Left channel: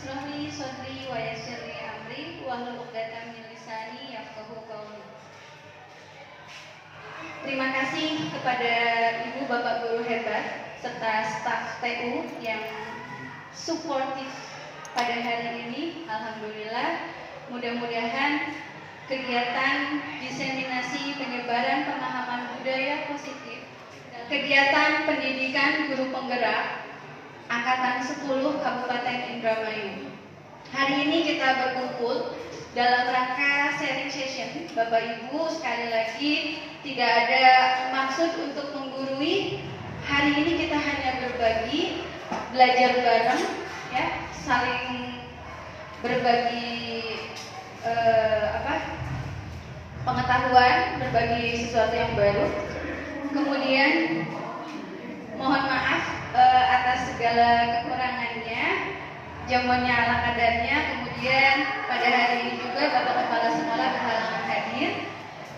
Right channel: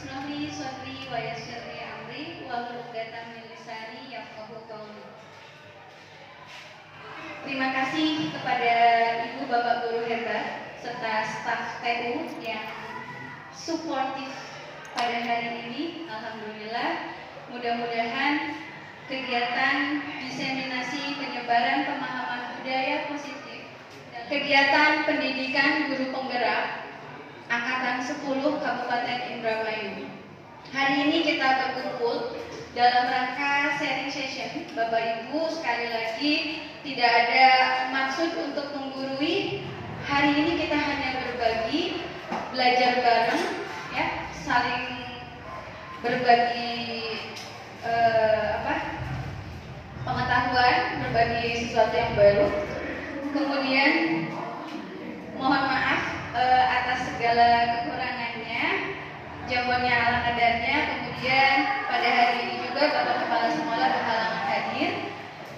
ishrah li sadri wa yassir li amri wahlul 'uqdatam min lisani yafqahu qawli. Terima kasih kepada Ibu Bapak Guru hebat serta staf TU yang suportif pada hari ini. Alhamdulillah, mudah-mudahan kegiatan diseminasi penyebaran pemahaman budaya positif, kegiatan pendidikan guru penggerak Angkatan 10 Kabupaten Indramayu. Hari ini kita berkumpul dalam rangka sharing session. Bapak Ibu, sekali lagi tidak ada maksud untuk menggurui. Hari ini kita hanya berbagi, belajar bareng, ya, saling berbagi pengetahuan, berbagi sesuatu yang baru. Kemudian mohon maaf atas segala kekurangannya, jamuannya ala kadarnya. Kemudian pada hari ini juga Bapak Kepala Sekolah berhalangan hadir.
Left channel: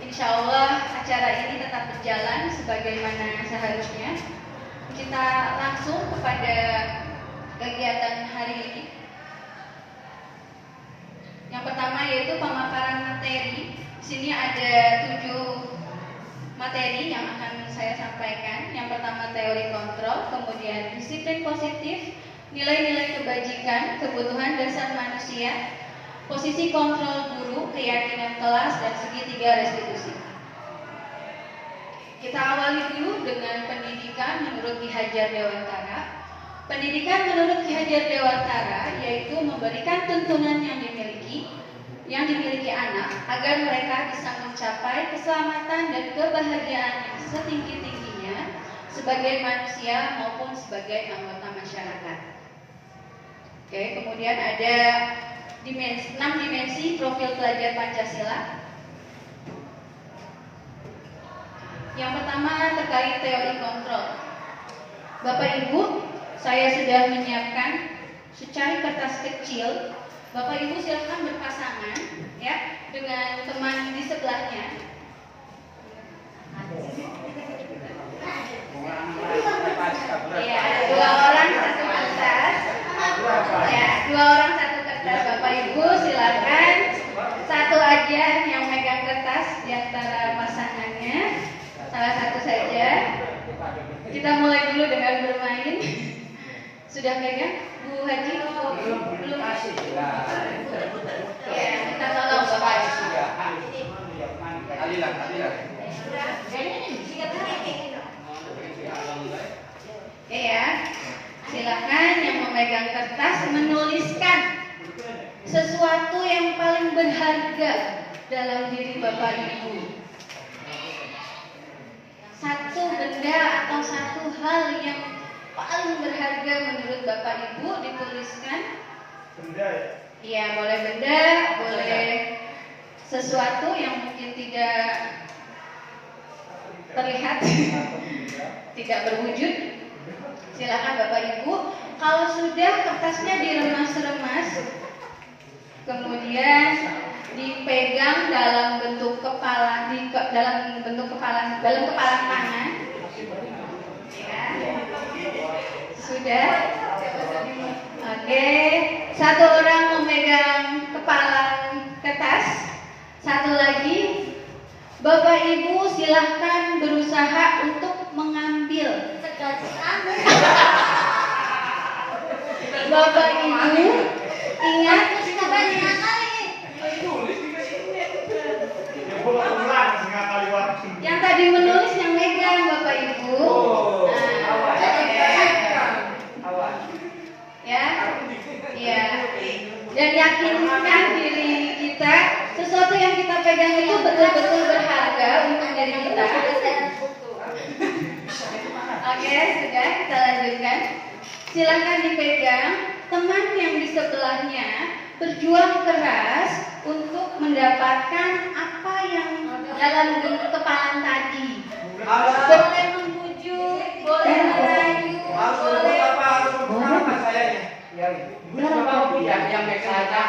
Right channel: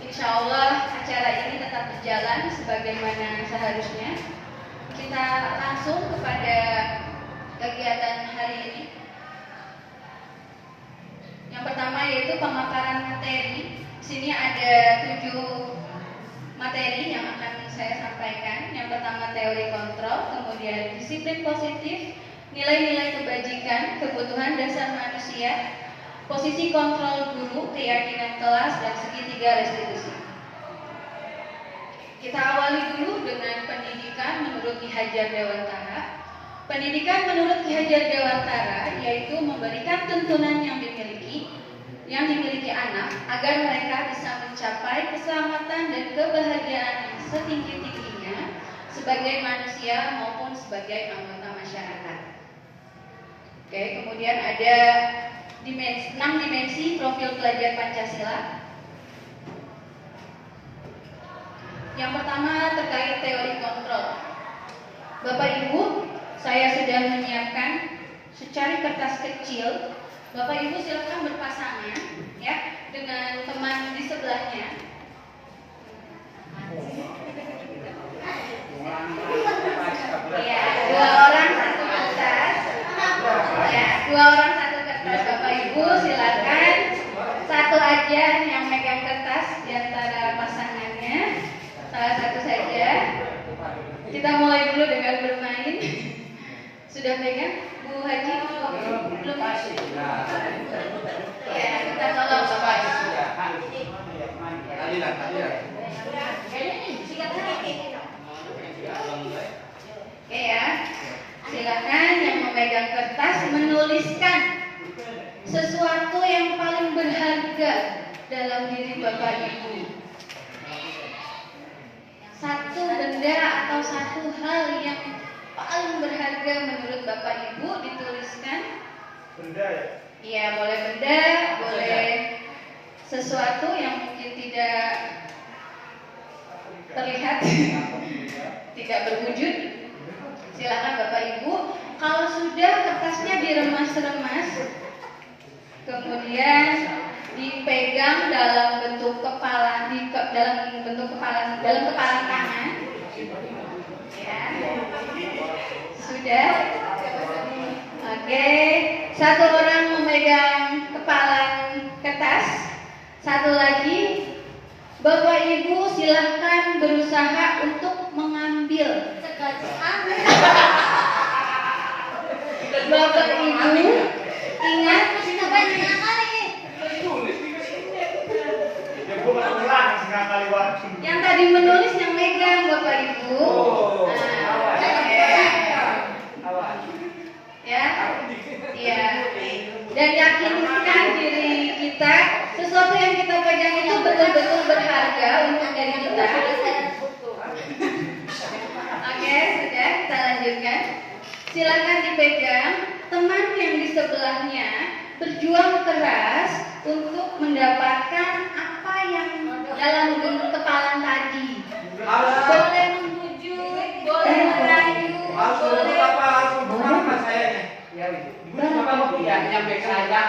Insya Allah acara ini tetap berjalan sebagaimana seharusnya. Kita langsung kepada kegiatan hari ini. Yang pertama yaitu pemaparan materi. Di sini ada 7 materi yang akan saya sampaikan. Yang pertama teori kontrol, kemudian disiplin positif, nilai-nilai kebajikan, kebutuhan dasar manusia, posisi kontrol guru, keyakinan kelas, dan segitiga restitusi. Kita awali dulu dengan pendidikan menurut Ki Hajar Dewantara. Pendidikan menurut Ki Hajar Dewantara yaitu memberikan tuntunan yang dimiliki anak agar mereka bisa mencapai keselamatan dan kebahagiaan yang setinggi-tingginya sebagai manusia maupun sebagai anggota masyarakat. Oke, kemudian ada 6 dimensi profil pelajar Pancasila. Yang pertama terkait teori kontrol. Bapak Ibu, saya sudah menyiapkan secari kertas kecil. Bapak Ibu silakan berpasangan ya dengan teman di sebelahnya. Ya, 2 orang 1 kertas. Ya, 2 orang 1 kertas. Bapak Ibu silakan satu aja yang megang kertas di antara pasangannya. Salah satu saja. Kita mulai dulu dengan bermain. Sudah pegang? Bu Haji belum kasih. Ya, kita tolong Bapak. Hadilah. Oke ya. Silakan yang memegang kertas menuliskan sesuatu yang paling berharga dalam diri Bapak Ibu. Satu benda atau satu hal yang paling berharga menurut Bapak Ibu dituliskan. Benda ya? Iya, boleh benda, boleh sesuatu yang mungkin tidak terlihat, tidak berwujud. Silakan Bapak Ibu. Kalau sudah kertasnya diremas-remas, kemudian dipegang dalam bentuk kepala, dalam kepala tangan. Ya. Sudah. Oke, satu orang memegang kepalan kertas, satu lagi. Bapak Ibu silahkan berusaha untuk mengambil. Bapak Ibu ingat yang tadi menulis yang megang Bapak Ibu. Ya. Dan yakinkan diri kita sesuatu yang kita pegang itu betul-betul berharga untuk diri kita. Oke, sudah kita lanjutkan. Silakan dipegang. Teman yang di sebelahnya berjuang keras untuk mendapatkan apa yang dalam bentuk kepalan tadi. Boleh membujuk, boleh merayu, boleh apa saya nih? Ya, yang biasa aja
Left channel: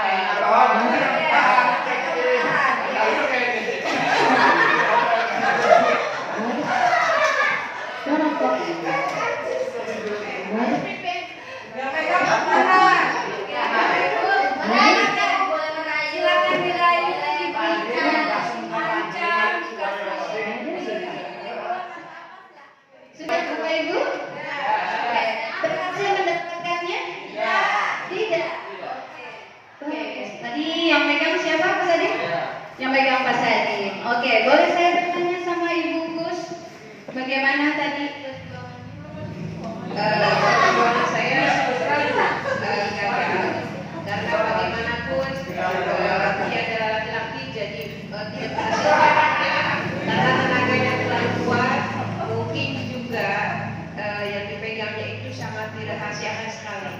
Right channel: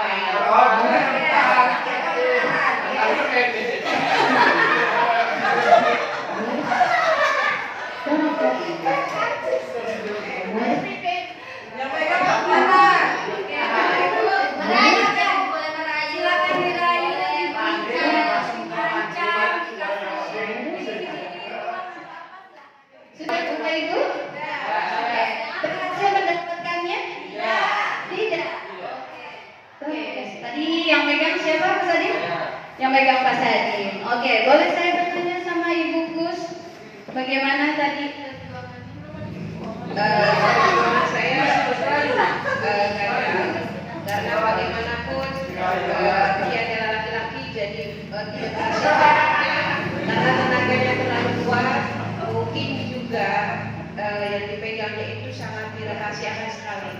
Pak Sadim. Oke, boleh saya bertanya sama Ibu Kus, bagaimana tadi perjuangan saya karena bagaimanapun dia adalah laki-laki, jadi dia karena tenaganya terlalu kuat, mungkin juga yang dipegangnya itu sangat dirahasiakan sekali.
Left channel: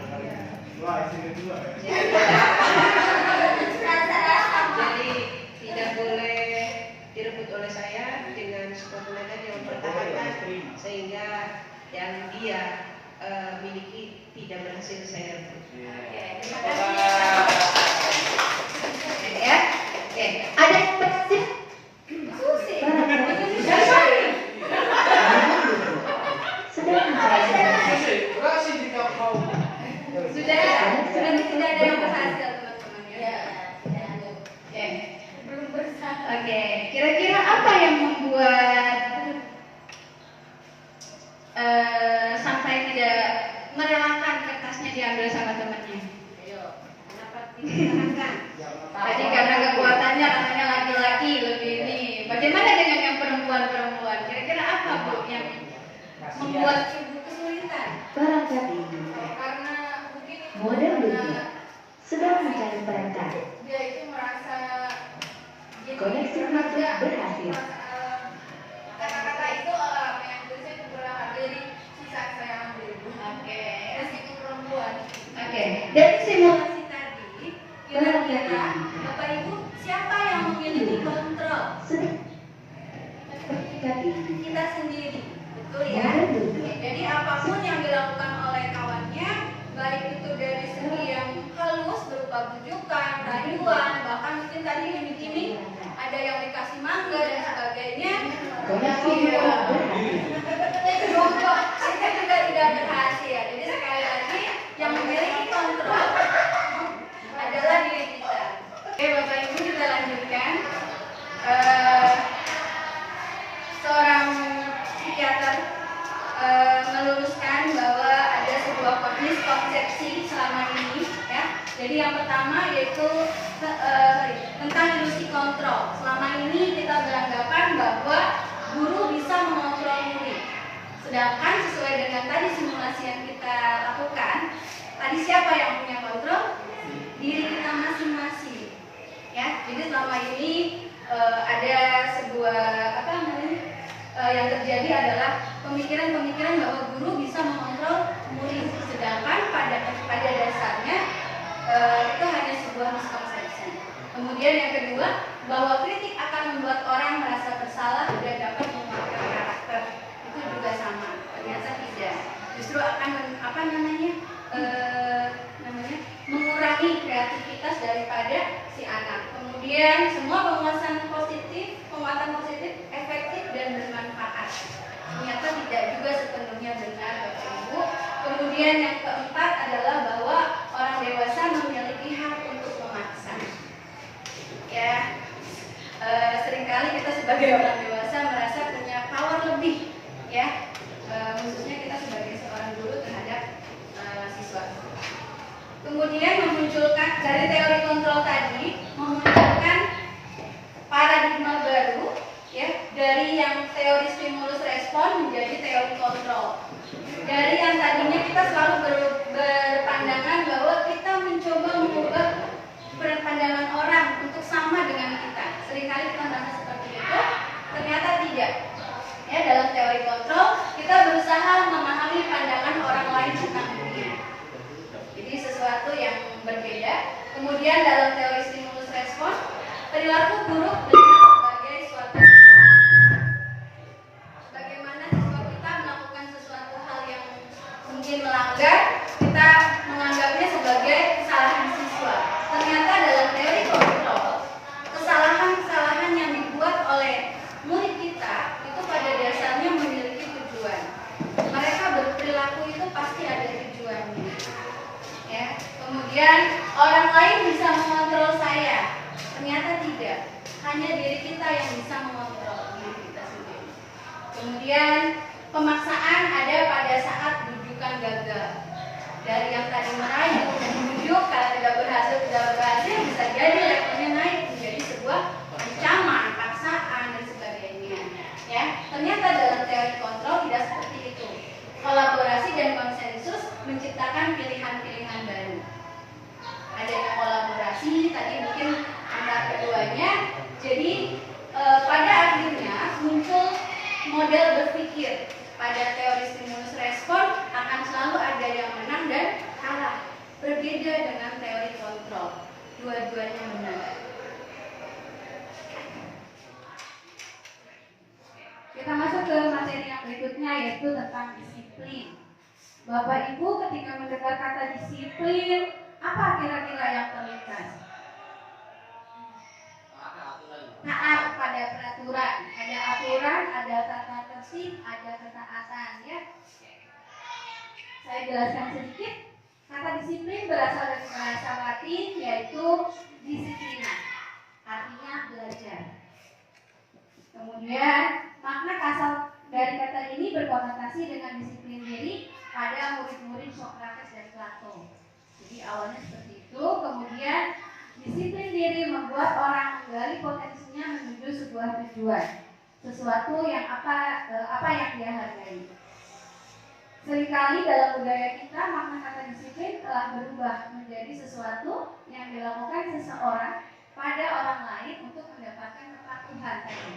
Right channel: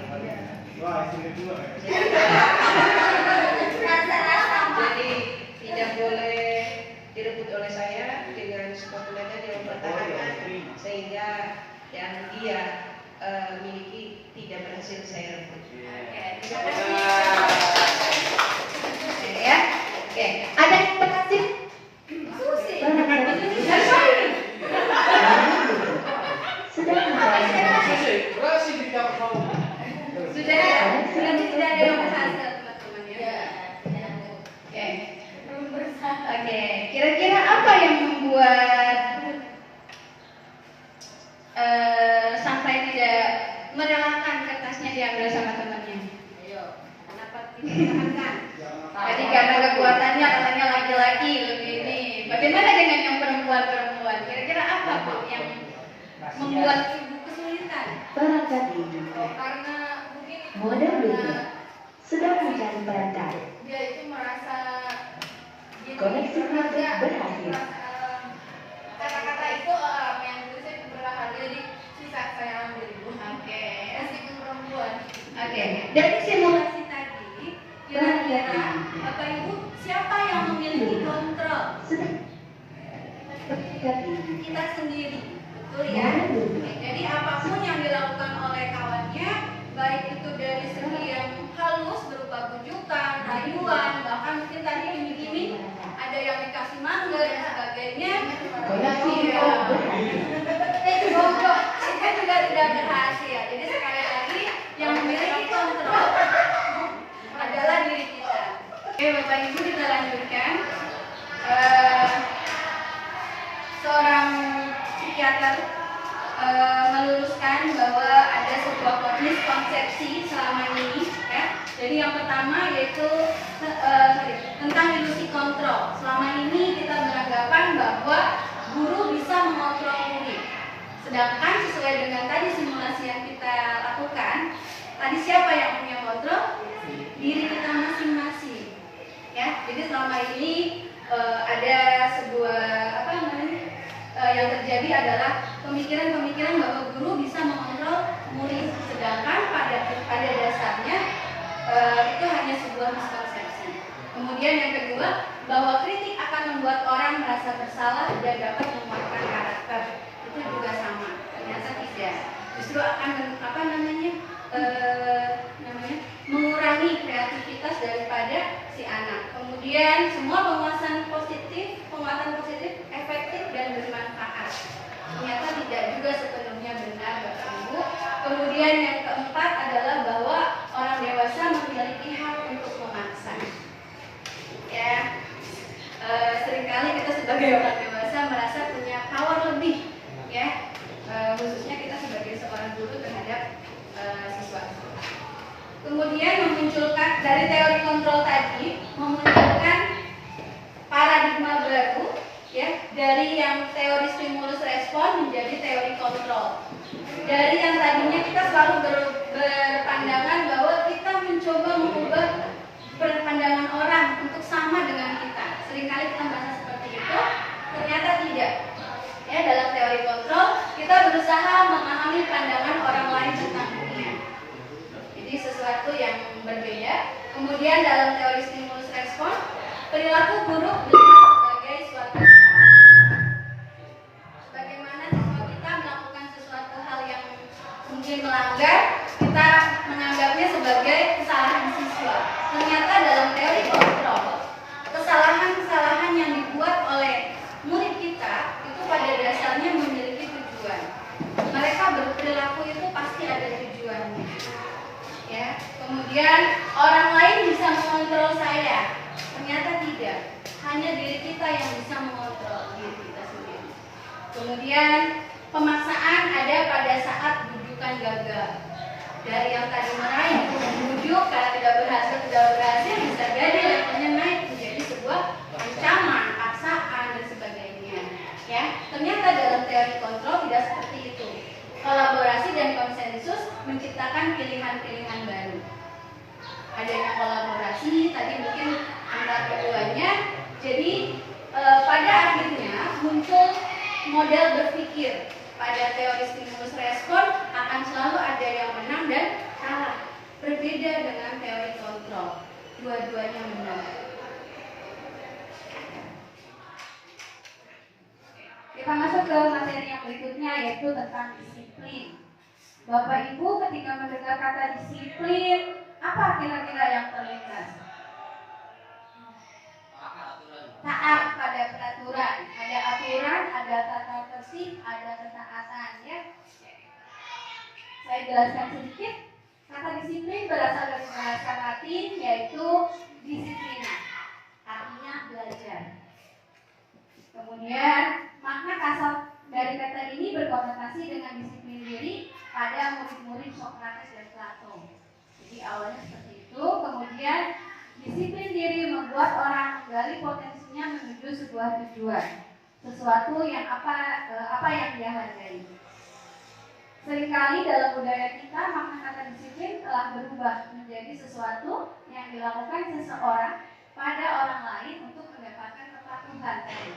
Jadi tidak boleh direbut oleh saya dengan kekuatan yang mempertahankan, sehingga yang dia miliki tidak berhasil saya rebut. Terima kasih. Ya. Oke, ada yang berhasil? Susi. Sudah ada yang berhasil, teman-teman ya. Oke, kira-kira apa yang membuat sampai tidak merelakan kertasnya diambil sama temannya? Ayo, kenapa ditahankan? Tadi karena kekuatannya katanya laki-laki begini. Bagaimana dengan yang perempuan-perempuan? Kira-kira apa Bu yang membuat ibu kesulitan? Barangkali Karena mungkin model itu sedang mencari perantara. dia itu merasa Koneksi network berhasil. Kata-kata itu apa yang tulisnya itu berharga, jadi sisa saya ambil Ibu. Oke. Meskipun perempuan. Oke. Dari simulasi tadi, kira-kira Bapak Ibu siapa yang memiliki kontrol? Kita sendiri, betul ya? Oke, jadi apapun yang dilakukan oleh kawannya, baik itu dari segi yang halus berupa bujukan, rayuan, bahkan mungkin tadi iming-iming, ada yang dikasih mangga dan sebagainya. Itu juga tidak berhasil. Jadi sekali lagi yang memiliki kontrol adalah diri kita. Oke, Bapak Ibu, kita lanjutkan. Seorang psikiater meluruskan bahwa ada sebuah miskonsepsi selama ini, ya. Jadi yang pertama yaitu tentang ilusi kontrol. Selama ini kita beranggapan bahwa guru bisa mengontrol murid. Sedangkan sesuai dengan tadi simulasi yang kita lakukan, tadi siapa yang punya kontrol? Diri kita masing-masing. Ya, jadi selama ini ada sebuah yang terjadi adalah pemikiran-pemikiran bahwa guru bisa mengontrol murid, sedangkan pada dasarnya itu hanya sebuah miskonsepsi. Kemudian yang kedua, bahwa kritik akan membuat orang merasa bersalah dan dapat menguatkan karakter. Itu juga sama, ternyata tidak. Justru akan mengurangi kreativitas daripada si anak. Kemudian semua penguatan positif efektif dan bermanfaat. Ternyata tidak juga sepenuhnya benar, Bapak Ibu. Kemudian yang keempat adalah bahwa orang dewasa memiliki hak untuk memaksa. Ya, seringkali kita sebagai orang dewasa merasa punya power lebih, ya, khususnya kita sebagai seorang guru terhadap siswa. Kemudian memunculkan dari teori kontrol tadi, memunculkan paradigma baru, ya, dari yang teori stimulus respon menjadi teori kontrol. Dari yang tadinya kita selalu berpandangan bahwa kita mencoba mengubah pandangan orang untuk sama dengan kita. Seringkali kita merasa seperti itu, ternyata tidak. Ya, dalam teori kontrol kita berusaha memahami pandangan orang lain tentang dunia. Jadi sesuatu yang berbeda. Kemudian dalam teori stimulus respon, perilaku buruk dilihat sebagai suatu bagaimana siswa kita melakukan sesuatu hal yang mungkin melanggar, kita menganggapnya sebagai kesalahan siswa. Ternyata dalam teori kontrol, kesalahan-kesalahan yang dibuat oleh murid kita itu pada dasarnya memiliki tujuan. Mereka berperilaku itu pasti ada tujuannya. Ya. Kemudian orang lain bisa mengontrol saya. Ternyata tidak. Hanya diri kita yang bisa mengontrol diri kita sendiri. Kemudian pemaksaan ada pada saat bujukan gagal. Dari yang tadi meraih bujuk, kalau tidak berhasil bisa jadi levelnya naik menjadi sebuah ancaman. menciptakan pilihan-pilihan baru. Adanya kolaborasi tadi mungkin antar keduanya, jadi pada akhirnya muncul model berpikir. Pada teori stimulus respon akan selalu ada yang menang dan kalah, berbeda dengan teori kontrol, dua-duanya menang. Kita masuk ke materi yang berikutnya, yaitu tentang disiplin. Bapak Ibu ketika mendengar kata disiplin, apa kira-kira yang terlintas? Taat pada peraturan, ada aturan, ada tata tertib, ada ketaatan, ya. Saya jelaskan sedikit. Kata disiplin berasal dari bahasa Latin, yaitu disiplina, artinya belajar. Kemudian makna kasar dari kata ini berkonotasi dengan disiplin diri pada murid-murid Sokrates dan Plato. Jadi awalnya seperti itu, kemudian disiplin diri membuat orang menggali potensinya menuju sebuah tujuan, sesuatu yang apa yang dia hargai. Seringkali dalam budaya kita makna kata disiplin telah berubah menjadi sesuatu yang dilakukan seseorang pada orang lain untuk mendapatkan kepatuhan tadi.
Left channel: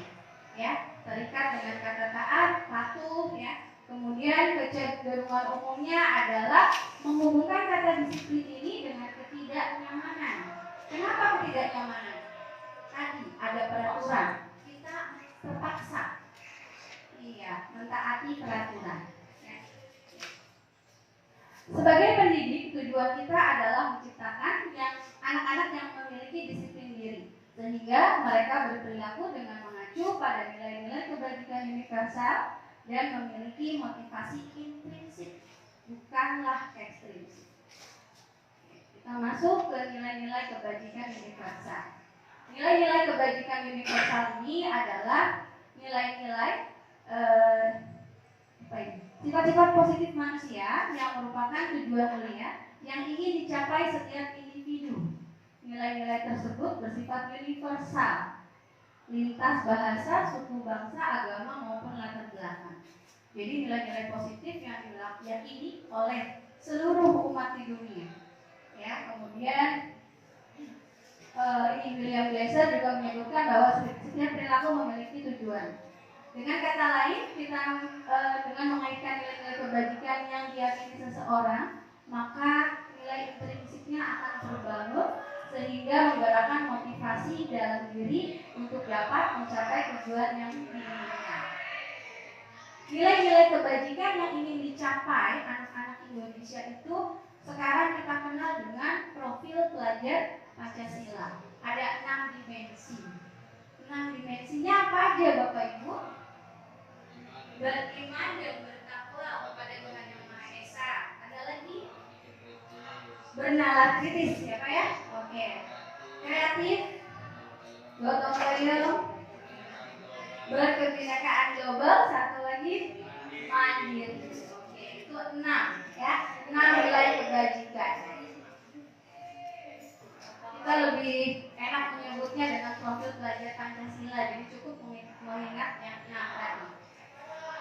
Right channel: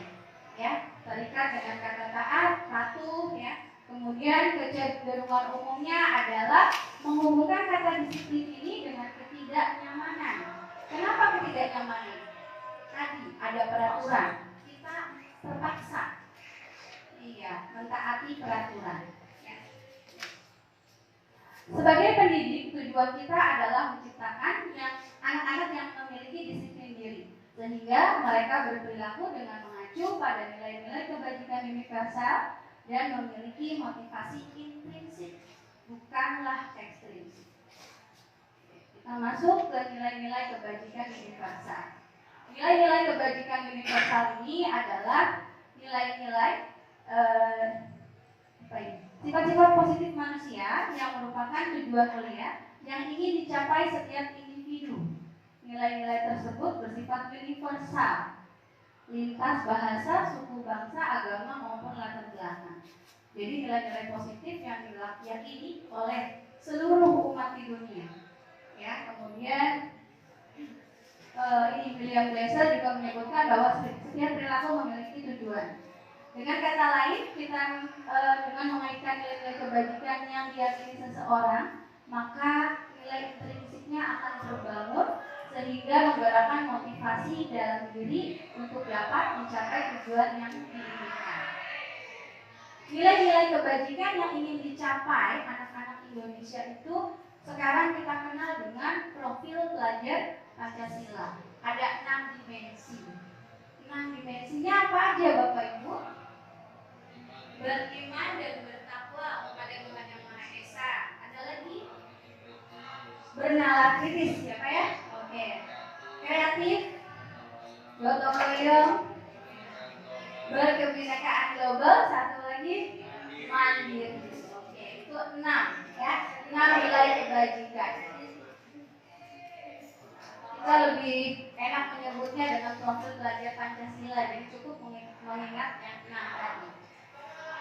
Ya, terikat dengan kata taat, patuh, ya. Kemudian kecenderungan umumnya adalah menghubungkan kata disiplin ini dengan ketidaknyamanan. Kenapa ketidaknyamanan? Tadi ada peraturan, kita terpaksa, mentaati peraturan. Ya. Sebagai pendidik, tujuan kita adalah menciptakan anak-anak yang memiliki disiplin diri, sehingga mereka berperilaku dengan mengacu pada nilai-nilai kebajikan universal dan memiliki motivasi intrinsik, bukanlah ekstrinsik. Kita masuk ke nilai-nilai kebajikan universal. Nilai-nilai kebajikan universal ini adalah nilai-nilai sifat-sifat positif manusia yang merupakan tujuan mulia yang ingin dicapai setiap individu. Nilai-nilai tersebut bersifat universal, lintas bahasa, suku, bangsa, agama maupun latar belakang. Jadi nilai-nilai positif yang diyakini oleh seluruh umat di dunia. Ya, kemudian William Glasser juga menyebutkan bahwa setiap perilaku memiliki tujuan. Dengan kata lain, kita dengan mengaitkan nilai-nilai kebajikan yang diyakini seseorang, maka nilai intrinsiknya akan terbangun sehingga menggerakkan motivasi dalam diri untuk dapat mencapai tujuan yang diinginkan. Nilai-nilai kebajikan yang ingin dicapai anak-anak Indonesia itu sekarang kita kenal dengan profil pelajar Pancasila. Ada 6 dimensi. 6 dimensinya apa aja Bapak Ibu? Beriman dan bertakwa kepada Tuhan Yang Maha Esa. Ada lagi? Bernalar kritis, siapa ya? Oke. Kreatif, gotong royong, berkebinekaan global, satu lagi mandiri. Oke, itu 6 ya. 6 nilai kebajikan. Kita lebih enak menyebutnya dengan profil pelajar Pancasila, jadi cukup mengingat yang 6 tadi.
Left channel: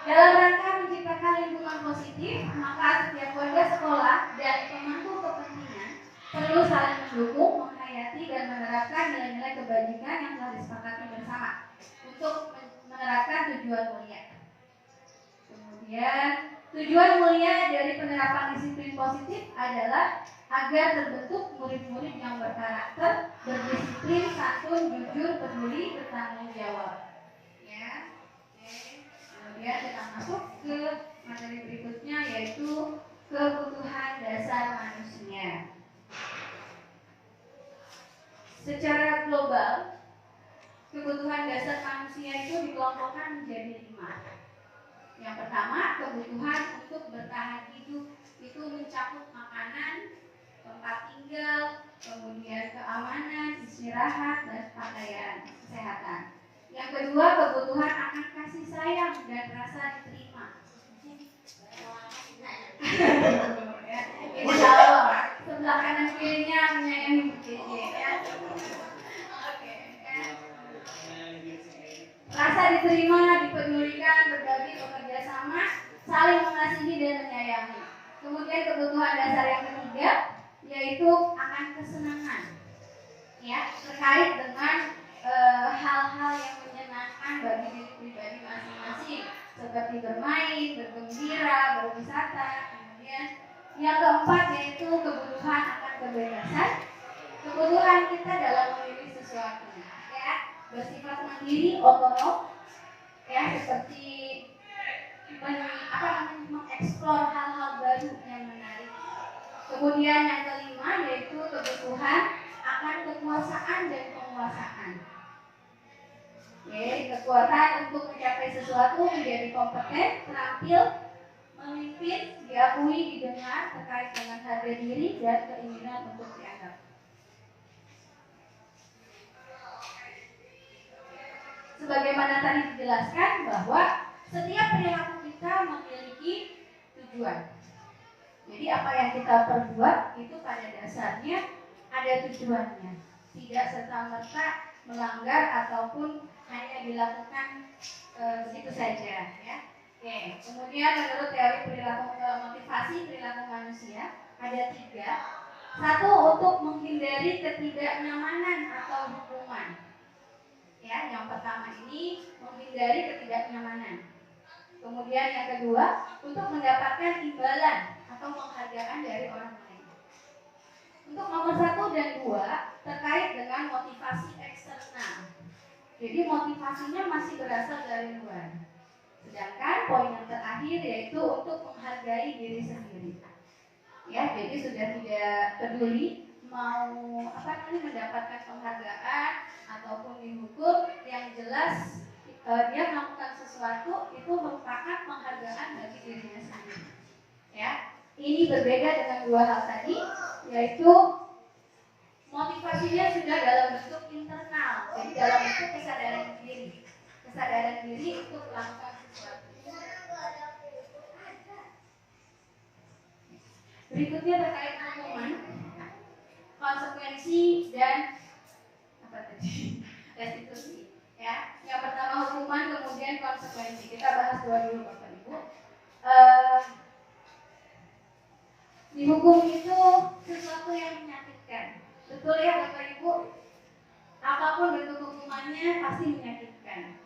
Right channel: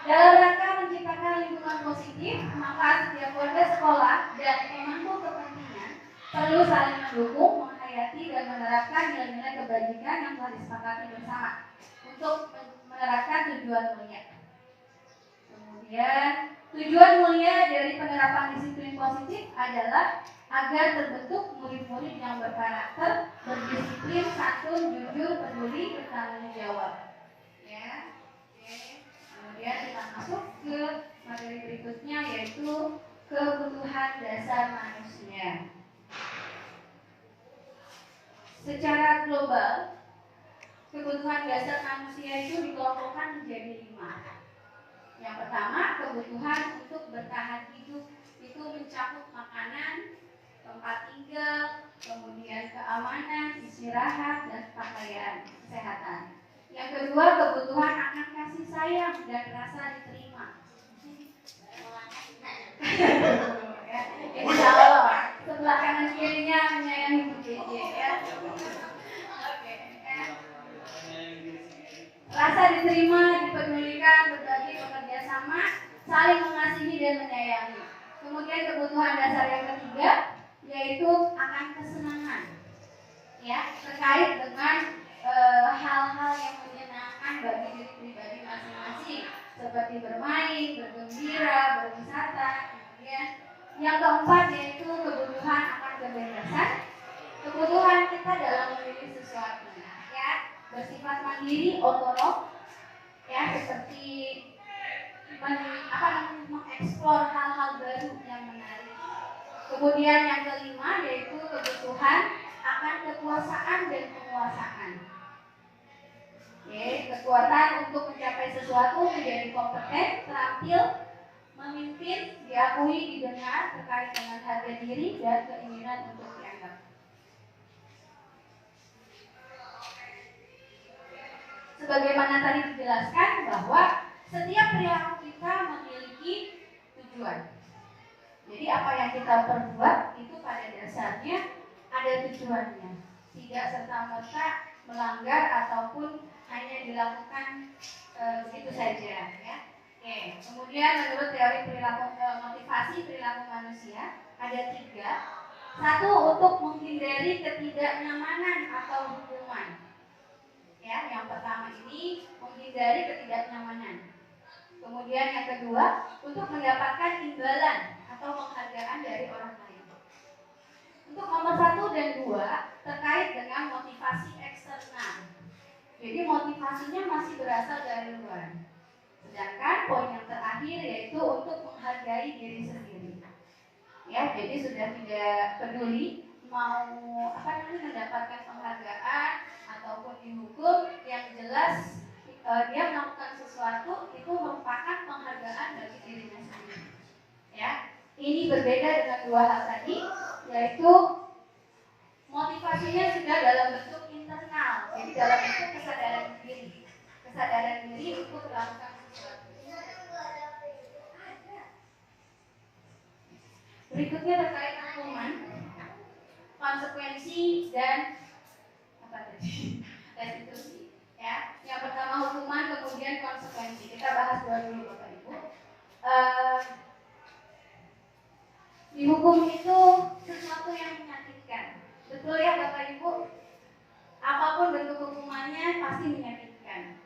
Dalam rangka menciptakan lingkungan positif, maka setiap warga sekolah dan pemangku kepentingan perlu saling mendukung, menghayati dan menerapkan nilai-nilai kebajikan yang telah disepakati bersama untuk menerapkan tujuan mulia. Kemudian tujuan mulia dari penerapan disiplin positif adalah agar terbentuk murid-murid yang berkarakter, berdisiplin, santun, jujur, peduli, bertanggung jawab. Ya, oke. Kemudian kita masuk ke materi berikutnya, yaitu kebutuhan dasar manusia. Secara global, kebutuhan dasar manusia itu dikelompokkan menjadi 5. Yang pertama, kebutuhan untuk bertahan hidup, itu mencakup makanan, tempat tinggal, kemudian keamanan, istirahat, dan pakaian, kesehatan. Yang kedua, kebutuhan akan kasih sayang dan rasa diterima. Ya, insya Allah, sebelah kanan kirinya menyayangi BJ ya. Oke, ya. Rasa diterima, dipedulikan, berbagi, bekerja sama, saling mengasihi dan menyayangi. Kemudian kebutuhan yaitu akan kesenangan, ya, terkait dengan hal-hal yang menyenangkan bagi diri pribadi masing-masing, seperti bermain, bergembira, berwisata. Kemudian yang keempat yaitu kebutuhan akan kebebasan, kebutuhan kita dalam memilih sesuatu, ya, bersifat mandiri, otonom, ya, seperti mengeksplor hal-hal baru yang menarik. Kemudian yang kelima yaitu kebutuhan akan kekuasaan dan penguasaan. Kekuatan untuk mencapai sesuatu, menjadi kompeten, terampil, memimpin, diakui, didengar, terkait dengan harga diri dan keinginan untuk dianggap. Sebagaimana tadi dijelaskan bahwa setiap perilaku kita memiliki tujuan. Jadi apa yang kita perbuat itu pada dasarnya ada tujuannya, tidak serta-merta melanggar ataupun hanya dilakukan begitu saja, ya. Oke. Kemudian menurut teori perilaku motivasi perilaku manusia ada 3. 1, untuk menghindari ketidaknyamanan atau hukuman. Ya, yang pertama ini menghindari ketidaknyamanan. Kemudian yang kedua, untuk mendapatkan imbalan atau penghargaan dari orang lain. Untuk nomor 1 dan 2 terkait dengan motivasi eksternal. Jadi motivasinya masih berasal dari luar. Sedangkan poin yang terakhir yaitu untuk menghargai diri sendiri. Ya, jadi sudah tidak peduli mau mendapatkan penghargaan ataupun dihukum, yang jelas dia melakukan sesuatu itu merupakan penghargaan bagi dirinya sendiri. Ya, ini berbeda dengan 2 hal tadi, yaitu motivasinya sudah dalam bentuk internal, jadi dalam bentuk kesadaran diri untuk melakukan sesuatu. Berikutnya terkait hukuman, konsekuensi dan restitusi. Ya, yang pertama hukuman, kemudian konsekuensi. Kita bahas dulu Bapak Ibu. Dihukum itu sesuatu yang menyakitkan. Betul ya Bapak Ibu? Apapun bentuk hukumannya pasti menyakitkan.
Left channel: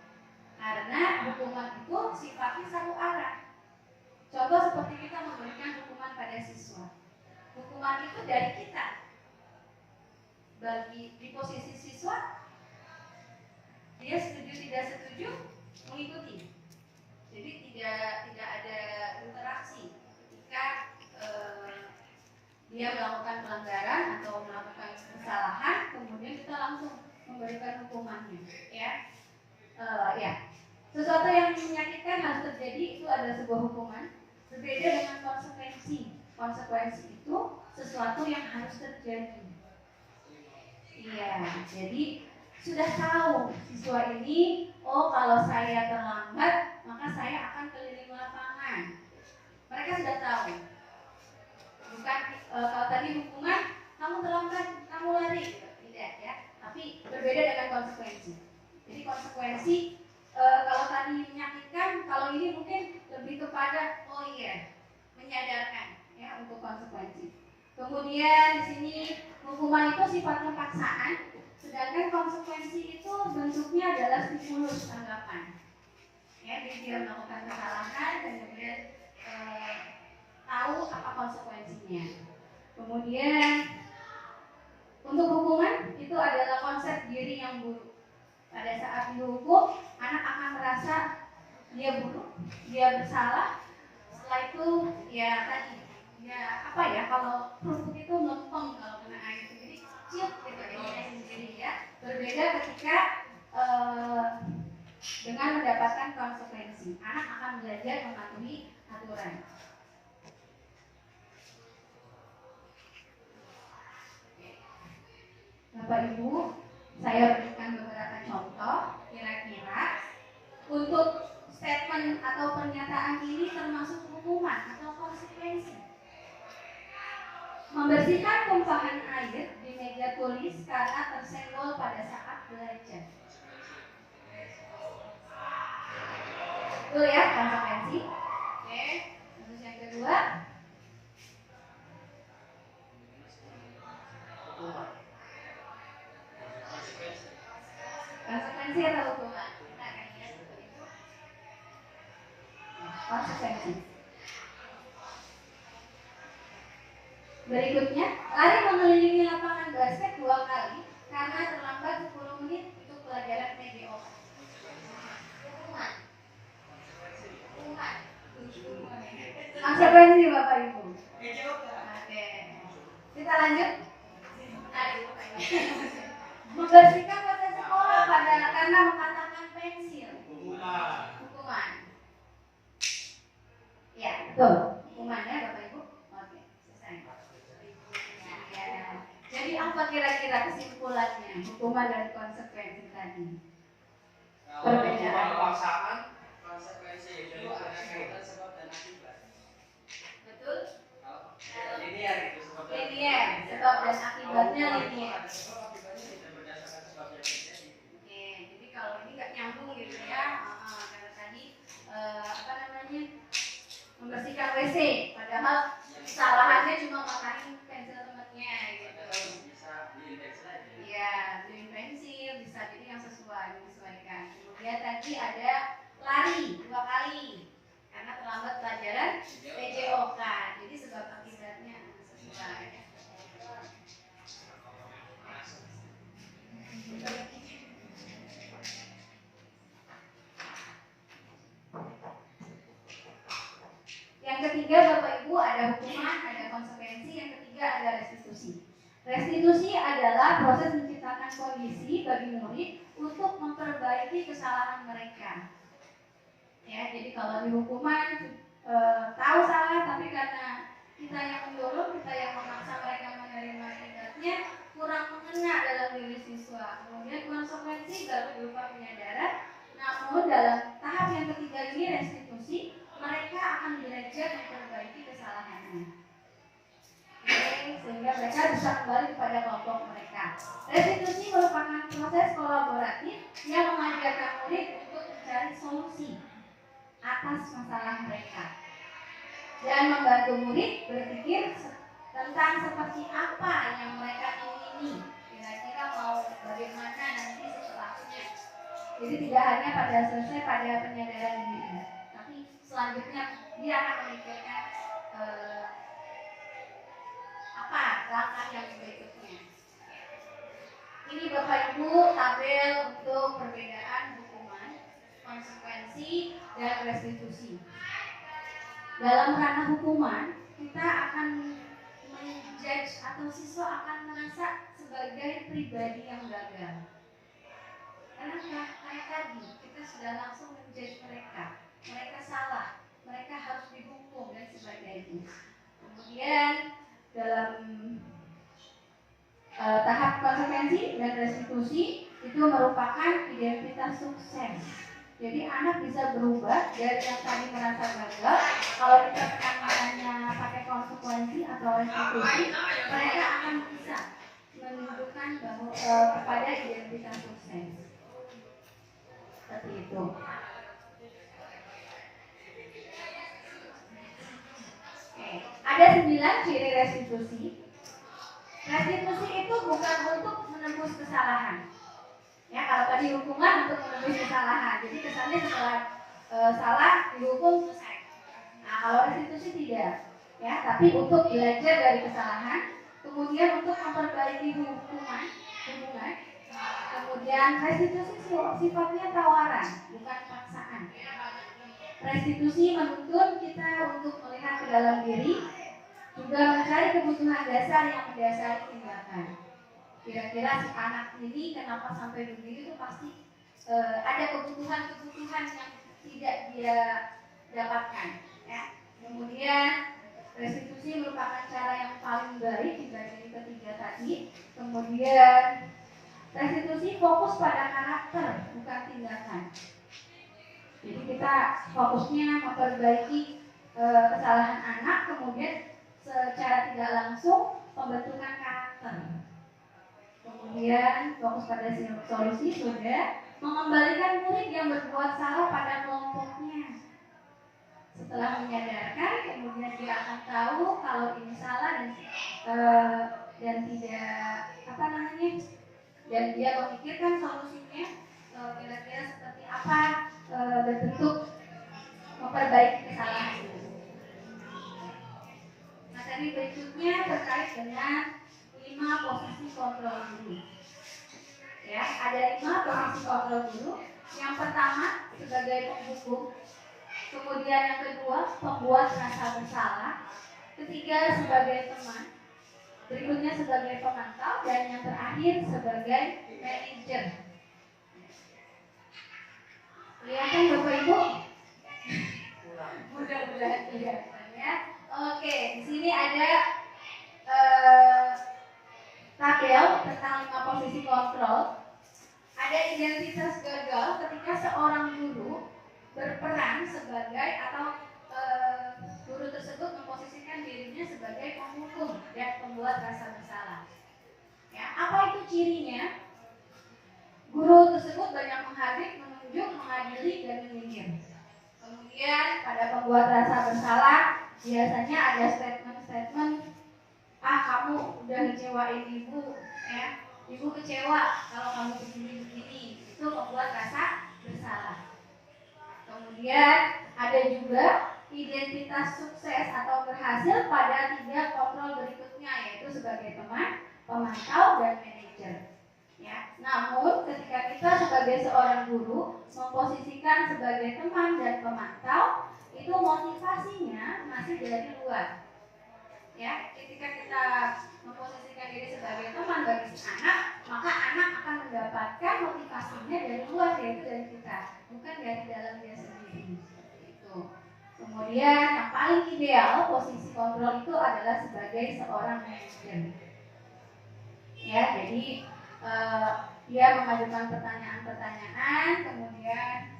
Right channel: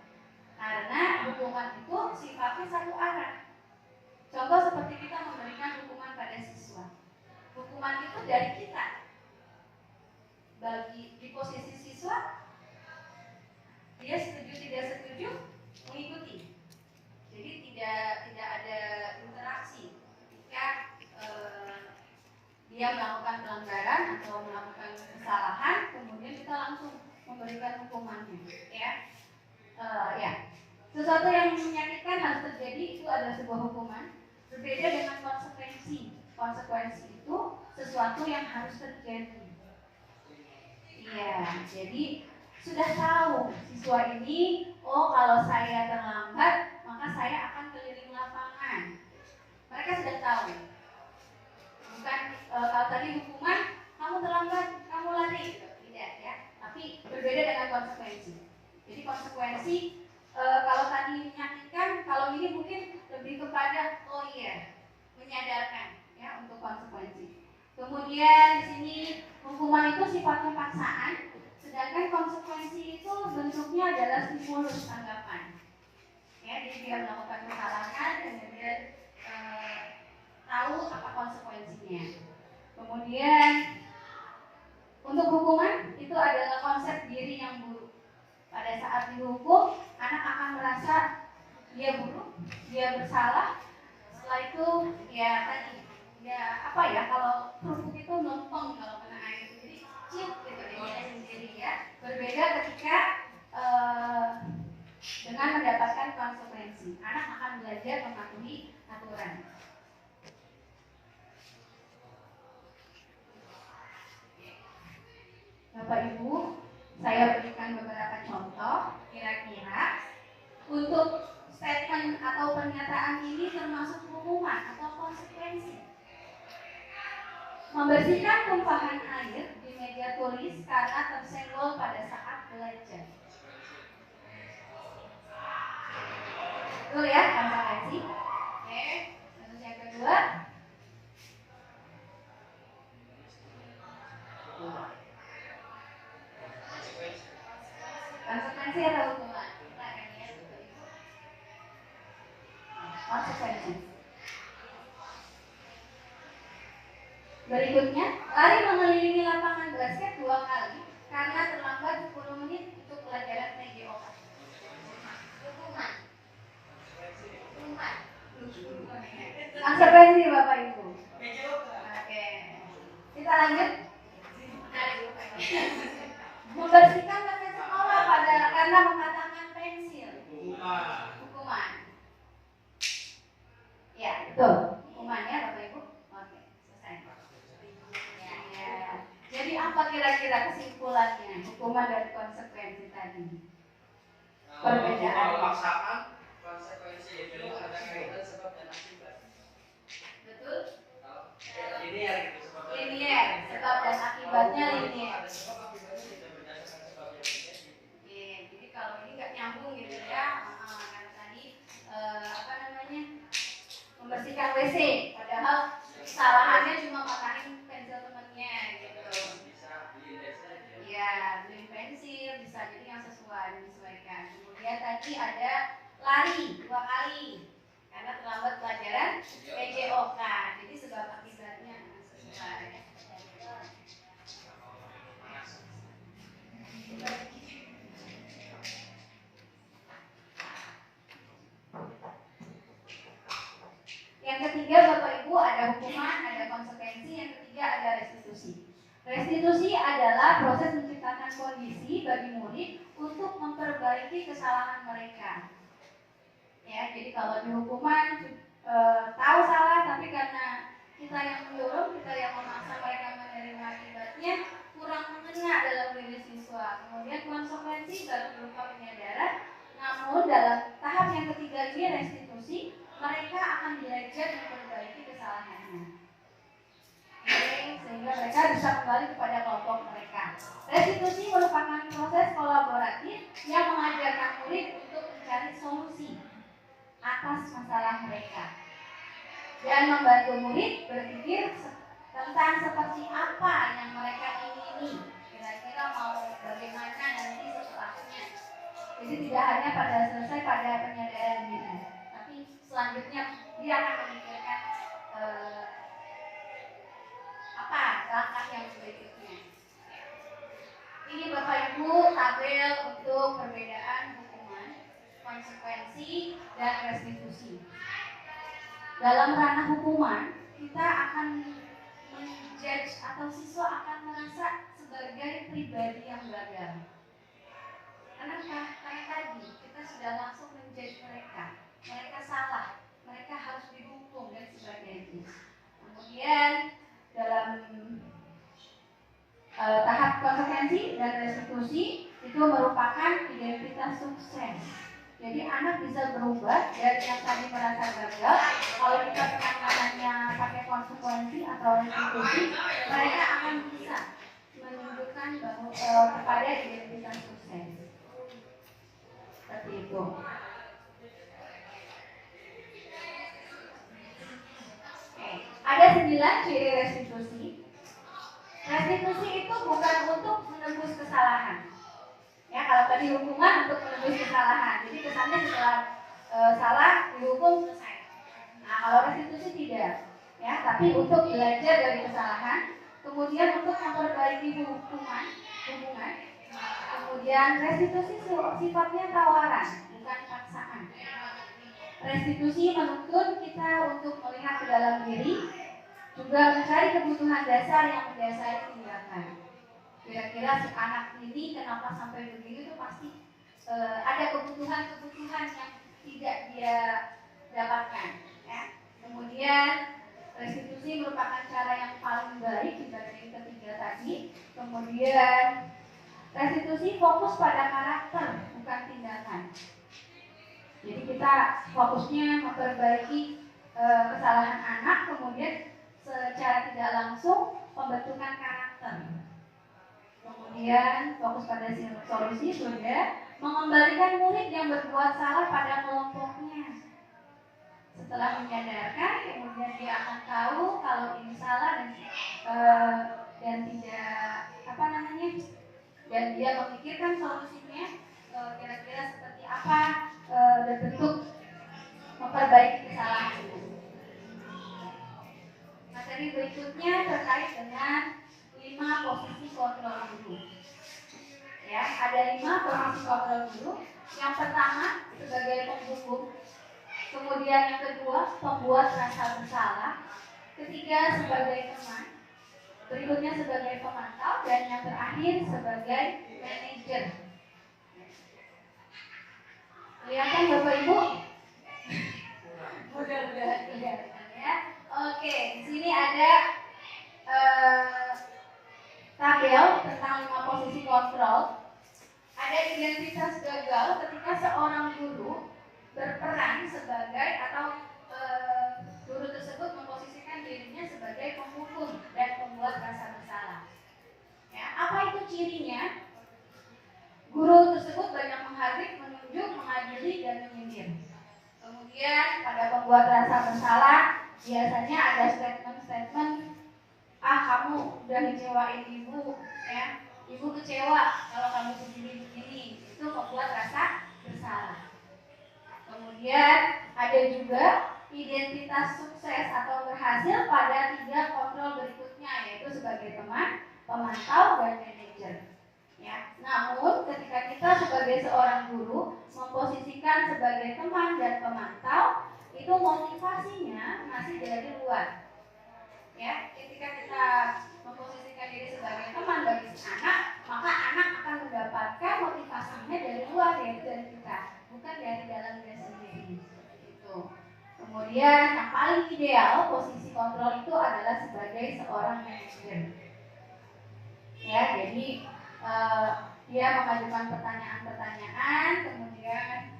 Karena hukuman itu sifatnya satu arah. Contoh seperti kita memberikan hukuman pada siswa. Hukuman itu dari kita. Bagi di posisi siswa, dia setuju tidak setuju mengikuti. Jadi tidak ada interaksi ketika dia melakukan pelanggaran atau melakukan kesalahan, kemudian kita langsung memberikan hukumannya. Ya, sesuatu yang menyakitkan harus terjadi, itu adalah sebuah hukuman. Berbeda dengan konsekuensi. Konsekuensi itu sesuatu yang harus terjadi. Iya, jadi sudah tahu siswa ini, oh kalau saya terlambat maka saya akan keliling lapangan. Mereka sudah tahu. Bukan kalau tadi hukuman, kamu terlambat, kamu lari, tidak ya. Tapi berbeda dengan konsekuensi. Jadi konsekuensi kalau tadi menyakitkan, kalau ini mungkin lebih kepada oh iya, menyadarkan ya untuk konsekuensi. Kemudian di sini hukuman itu sifatnya paksaan, sedangkan konsekuensi itu bentuknya adalah stimulus tanggapan. Ya, jadi dia melakukan kesalahan, kemudian tahu apa konsekuensinya. Kemudian untuk hukuman itu adalah konsep diri yang buruk. Pada saat dihukum, anak akan merasa dia buruk, dia bersalah. Setelah itu ya tadi, ya apa ya, kalau kerupuk itu melempem kalau kena air, jadi ciut gitu dia sendiri ya. Berbeda ketika dengan mendapatkan konsekuensi, anak akan belajar mematuhi aturan. Bapak Ibu, saya berikan beberapa contoh. Kira-kira untuk statement atau pernyataan ini termasuk hukuman atau konsekuensi. Membersihkan tumpahan air di meja tulis karena tersenggol pada saat belajar. Betul ya, konsekuensi. Oke, terus yang kedua, Sanksi atau hukuman? Kita akan lihat konsekuensi. Berikutnya, lari mengelilingi lapangan basket 2 kali karena terlambat 10 menit untuk pelajaran PGOK. Hukuman. Konsekuensi Bapak Ibu. Oke. Kita lanjut. Membersihkan lantai sekolah karena mematahkan pensil. Hukuman. Ya, betul. Hukumannya Bapak Ibu. Oke, selesai. Ya. Jadi apa kira-kira kesimpulannya? Hukuman dan konsekuensi tadi. Perbedaan. Pelaksanaan konsekuensi jadi ada kaitan sebab dan akibat. Betul? Linear itu sebab dan Linear. Sebab dan akibatnya linear. Ada sebab akibatnya tidak berdasarkan sebab yang terjadi. Oke, jadi kalau ini nggak nyambung gitu ya, karena tadi apa namanya membersihkan WC, padahal kesalahannya cuma matahin pensil temennya gitu. Bisa diindeks saja. Iya, beliin pensil bisa jadi yang sesuai disesuaikan. Kemudian tadi ada lari 2 kali karena terlambat pelajaran PJOK, jadi sebab akibatnya sesuai. Yang ketiga Bapak Ibu ada hukuman, ada konsekuensi, yang ketiga ada restitusi. Restitusi adalah proses menciptakan kondisi bagi murid untuk memperbaiki kesalahan mereka. Ya, jadi kalau di hukuman tahu salah tapi karena kita yang mendorong, kita yang memaksa mereka menerima akibatnya kurang mengena dalam diri siswa. Kemudian konsekuensi baru berupa penyadaran. Namun dalam tahap yang ketiga ini restitusi, mereka akan belajar memperbaiki kesalahannya. Sehingga mereka bisa kembali kepada kelompok mereka. Restitusi merupakan proses kolaboratif yang mengajarkan murid untuk mencari solusi atas masalah mereka dan membantu murid berpikir tentang seperti apa yang mereka ingini, kira-kira mau bagaimana nanti setelahnya. Jadi tidak hanya pada selesai pada penyadaran diri, tapi selanjutnya dia akan memikirkan apa langkah yang berikutnya. Ini Bapak Ibu tabel untuk perbedaan hukuman, konsekuensi, dan restitusi. Dalam ranah hukuman, kita akan menjudge atau siswa akan merasa sebagai pribadi yang gagal. Kenapa? Karena tadi kita sudah langsung menjudge mereka. Mereka salah, mereka harus dihukum dan sebagainya. Kemudian dalam tahap konsekuensi dan restitusi itu merupakan identitas sukses. Jadi anak bisa berubah dari yang tadi merasa gagal. Kalau kita penanganannya pakai konsekuensi atau restitusi, mereka akan bisa menunjukkan bahwa kepada identitas sukses. Seperti itu. Ada 9 ciri restitusi. Restitusi itu bukan untuk menembus kesalahan. Ya, kalau tadi hukuman untuk menembus kesalahan. Jadi kesannya setelah salah dihukum selesai. Nah, kalau restitusi tidak. Ya, tapi untuk belajar dari kesalahan, kemudian untuk memperbaiki hubungan. Kemudian restitusi sifatnya tawaran, bukan paksaan. Restitusi menuntut kita untuk melihat ke dalam diri, juga mencari kebutuhan dasar yang mendasari tindakan. Kira-kira si anak ini kenapa sampai begini itu pasti ada kebutuhan-kebutuhan yang tidak dia dapatkan. Ya. Kemudian restitusi merupakan cara yang paling baik dibanding ketiga tadi. Kemudian restitusi fokus pada karakter, bukan tindakan. Jadi kita fokusnya memperbaiki kesalahan anak, kemudian secara tidak langsung pembentukan karakter. Kemudian fokus pada solusi sudah, mengembalikan murid yang berbuat salah pada kelompoknya. Setelah menyadarkan, kemudian dia akan tahu kalau ini salah dan tidak dan dia memikirkan solusinya. kira-kira seperti apa bentuk memperbaiki kesalahan itu. Materi berikutnya terkait dengan 5 posisi kontrol guru. Ya, ada 5 posisi kontrol guru. Yang pertama sebagai penghukum, kemudian yang kedua pembuat rasa bersalah, ketiga sebagai teman, berikutnya sebagai pemantau, dan yang terakhir sebagai manajer. Kelihatan Bapak Ibu? Mudah-mudahan tidak ya. Oke, di sini ada tabel tentang 5 posisi kontrol. Ada identitas gagal ketika seorang guru berperan sebagai atau guru tersebut memposisikan dirinya sebagai penghukum dan pembuat rasa bersalah. Ya, apa itu cirinya? Guru tersebut banyak menghardik, menunjuk, mengadili, dan menyindir. Kemudian pada pembuat rasa bersalah biasanya ada statement-statement, kamu udah ngecewain ibu, ya, ibu kecewa kalau kamu begini-begini. Itu membuat rasa bersalah. Kemudian ada juga identitas sukses atau berhasil pada 3 kontrol berikutnya, yaitu sebagai teman, pemantau, dan manajer. Ya, namun ketika kita sebagai seorang guru memposisikan sebagai teman dan pemantau, itu motivasinya masih dari luar. Ya, ketika kita memposisikan diri sebagai teman bagi si anak, maka anak akan mendapatkan motivasinya dari luar, yaitu dari kita, bukan dari dalam dia sendiri. Itu. Kemudian yang paling ideal posisi kontrol itu adalah sebagai seorang manajer. Ya, jadi dia mengajukan pertanyaan-pertanyaan, kemudian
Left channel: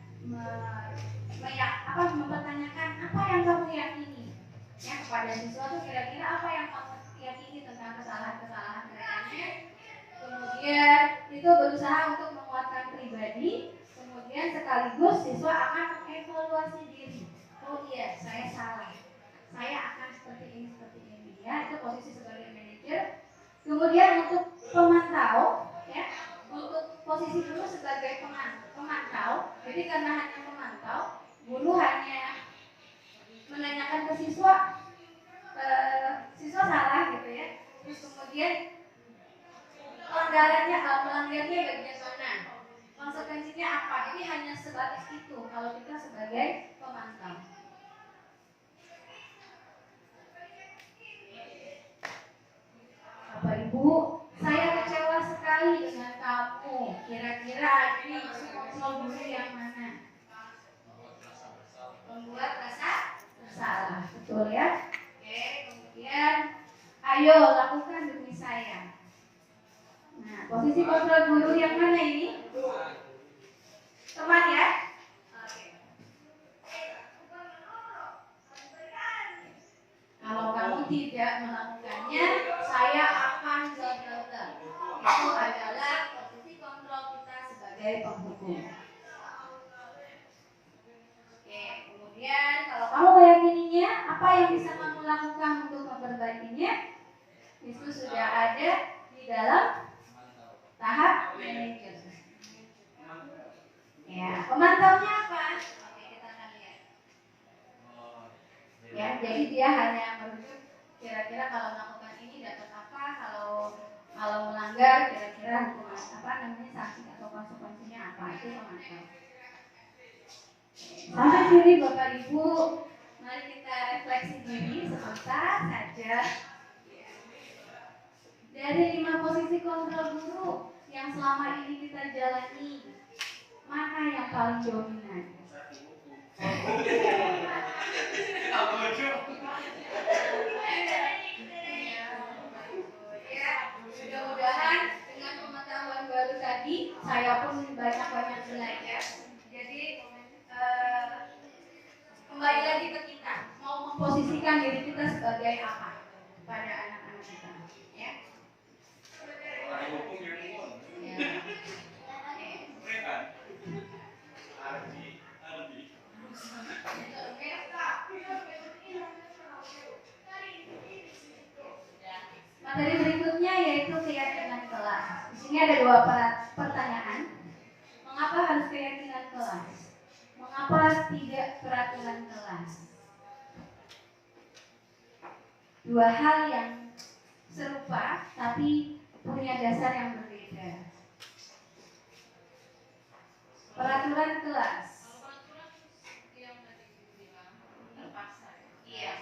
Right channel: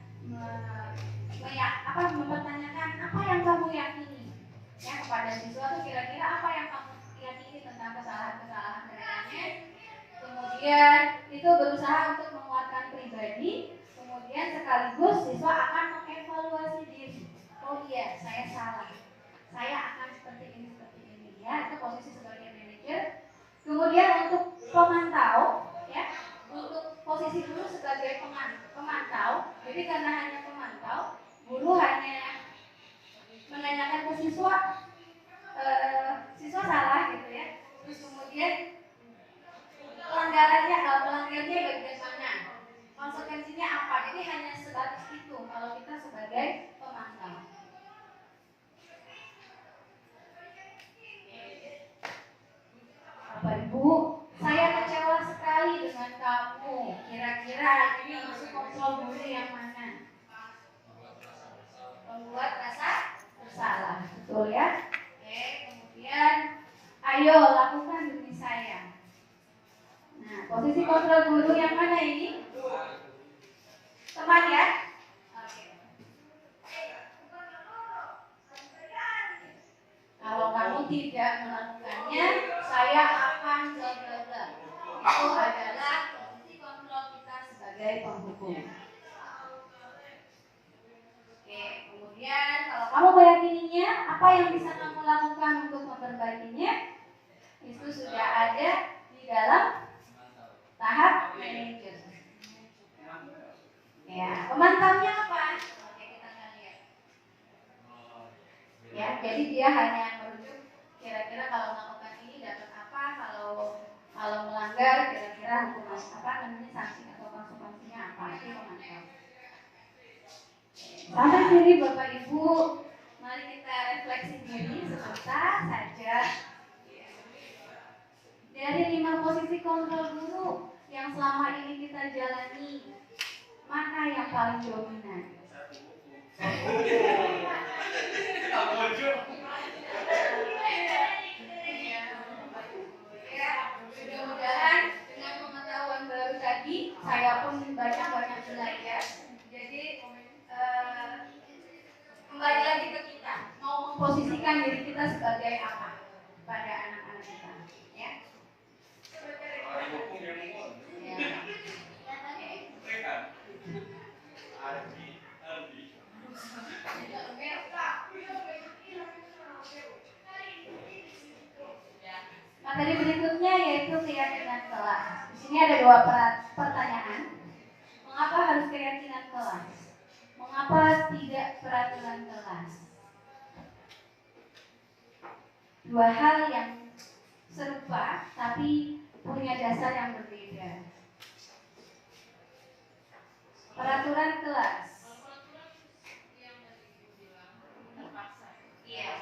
mempertanyakan apa yang kamu yakini. Ya, kepada siswa itu kira-kira apa yang kamu yakini tentang kesalahan-kesalahan mereka. Kemudian itu berusaha untuk menguatkan pribadi. Kemudian sekaligus siswa akan mengevaluasi diri. Oh iya, saya salah. Saya akan seperti ini. Ya, itu posisi sebagai manajer. Kemudian untuk pemantau, ya, untuk posisi guru sebagai pemantau. Jadi karena hanya memantau, guru hanya menanyakan ke siswa, siswa salah gitu ya. Terus kemudian pelanggarannya bagian mana, konsekuensinya apa. Jadi hanya sebatas itu kalau kita sebagai pemantau. Bapak Ibu, saya kecewa sekali dengan kamu. Kira-kira ini masuk kontrol guru yang mana? Membuat rasa bersalah, betul ya? Oke, kemudian ayo lakukan demi saya. Nah, posisi kontrol guru yang mana ini? Teman ya? Oke. Kalau kamu tidak melakukannya, saya akan gagal. Itu adalah posisi kontrol kita sebagai penghukum. Oke, kemudian kalau kamu meyakininya, apa yang bisa kamu lakukan untuk memperbaikinya? Itu sudah ada di dalam tahap manajer. Ya, pemantaunya apa? Oke, kita akan lihat. Ya, jadi dia hanya merujuk kira-kira kalau melakukan ini dapat apa, kalau melanggar kira-kira hukuman apa namanya, sanksi atau konsekuensinya apa, itu pemantau. Sampai sini Bapak Ibu, mari kita refleksi diri sebentar saja. Dari 5 posisi kontrol guru yang selama ini kita jalani, mana yang paling dominan? Mudah-mudahan dengan pengetahuan baru tadi, saya pun banyak-banyak belajar. Jadi kembali lagi ke kita, mau memposisikan diri kita sebagai apa pada anak-anak kita, ya. Materi berikutnya yaitu keyakinan kelas. Di sini ada 2 pertanyaan. Mengapa keyakinan kelas? Mengapa tidak peraturan kelas? Dua hal yang serupa tapi punya dasar yang berbeda. Peraturan kelas. Iya.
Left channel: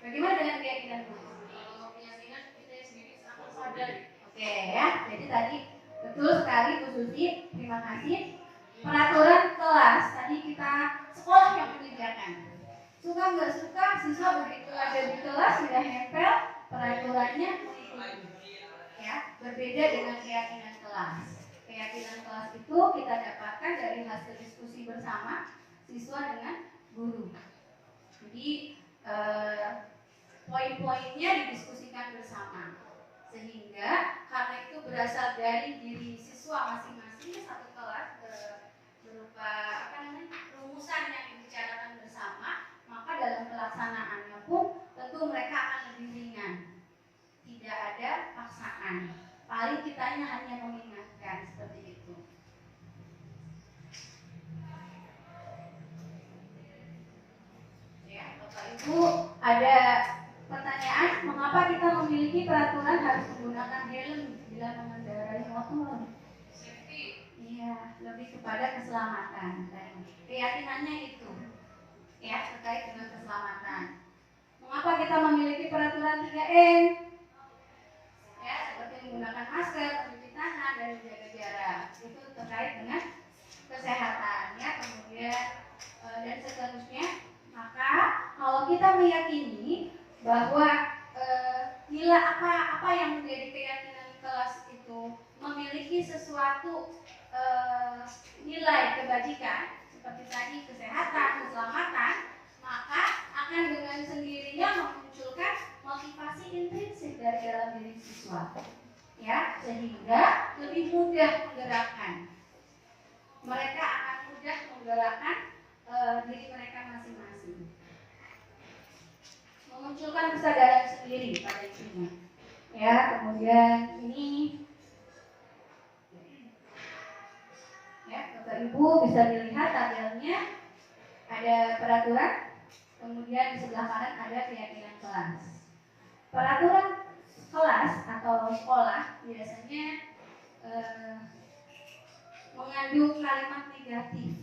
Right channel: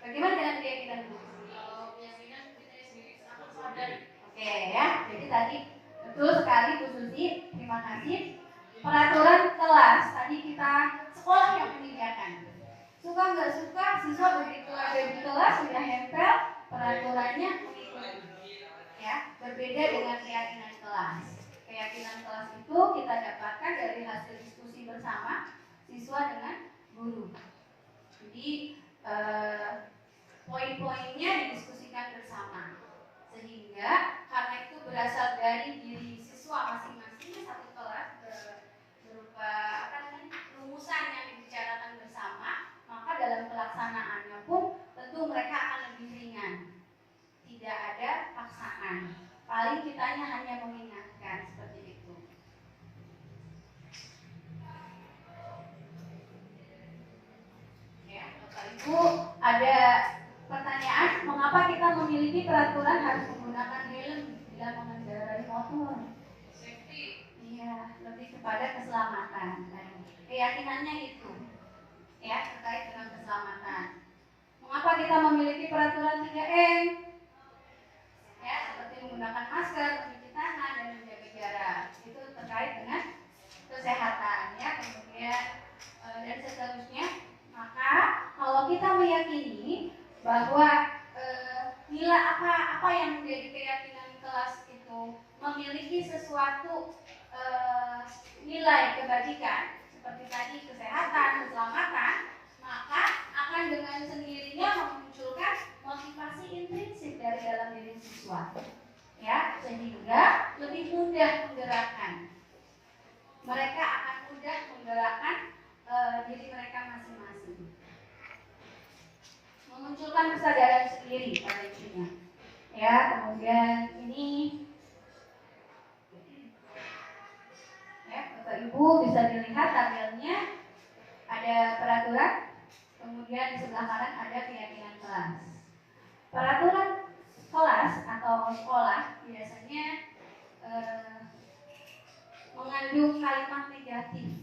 Bagaimana dengan keyakinan guru? Kalau keyakinan kita sendiri sama sadar. Oke ya, jadi tadi betul sekali Bu Susi, terima kasih. Peraturan kelas tadi kita sekolah yang menyediakan. Suka nggak suka, siswa begitu ada di kelas sudah nempel peraturannya mengikuti. Ya, berbeda dengan keyakinan kelas. Keyakinan kelas itu kita dapatkan dari hasil diskusi bersama siswa dengan guru. Jadi poin-poinnya didiskusikan bersama, sehingga karena itu berasal dari diri siswa masing-masing satu kelas berupa rumusan yang dibicarakan bersama, maka dalam pelaksanaannya pun tentu mereka akan lebih ringan, tidak ada paksaan, paling kitanya hanya mengingatkan seperti itu. Ya, Bapak Ibu, ada pertanyaan, mengapa kita memiliki peraturan harus menggunakan helm bila mengendarai motor? Safety. Iya, lebih kepada keselamatan. Keyakinannya itu, ya, terkait dengan keselamatan. Mengapa kita memiliki peraturan 3M? Ya, seperti menggunakan masker, mencuci tangan, dan menjaga jarak. Itu terkait dengan kesehatan, ya, kemudian dan seterusnya. Maka kalau kita meyakini bahwa nilai apa yang menjadi keyakinan kelas itu memiliki sesuatu nilai kebajikan seperti tadi kesehatan, keselamatan, maka akan dengan sendirinya memunculkan motivasi intrinsik dari dalam diri siswa, ya, sehingga lebih mudah menggerakkan. Mereka akan mudah menggerakkan diri mereka masing-masing, memunculkan kesadaran sendiri pada intinya. Ya, kemudian ini, ya, Bapak Ibu bisa dilihat tabelnya ada peraturan, kemudian di sebelah kanan ada keyakinan kelas. Peraturan kelas atau sekolah biasanya mengandung kalimat negatif.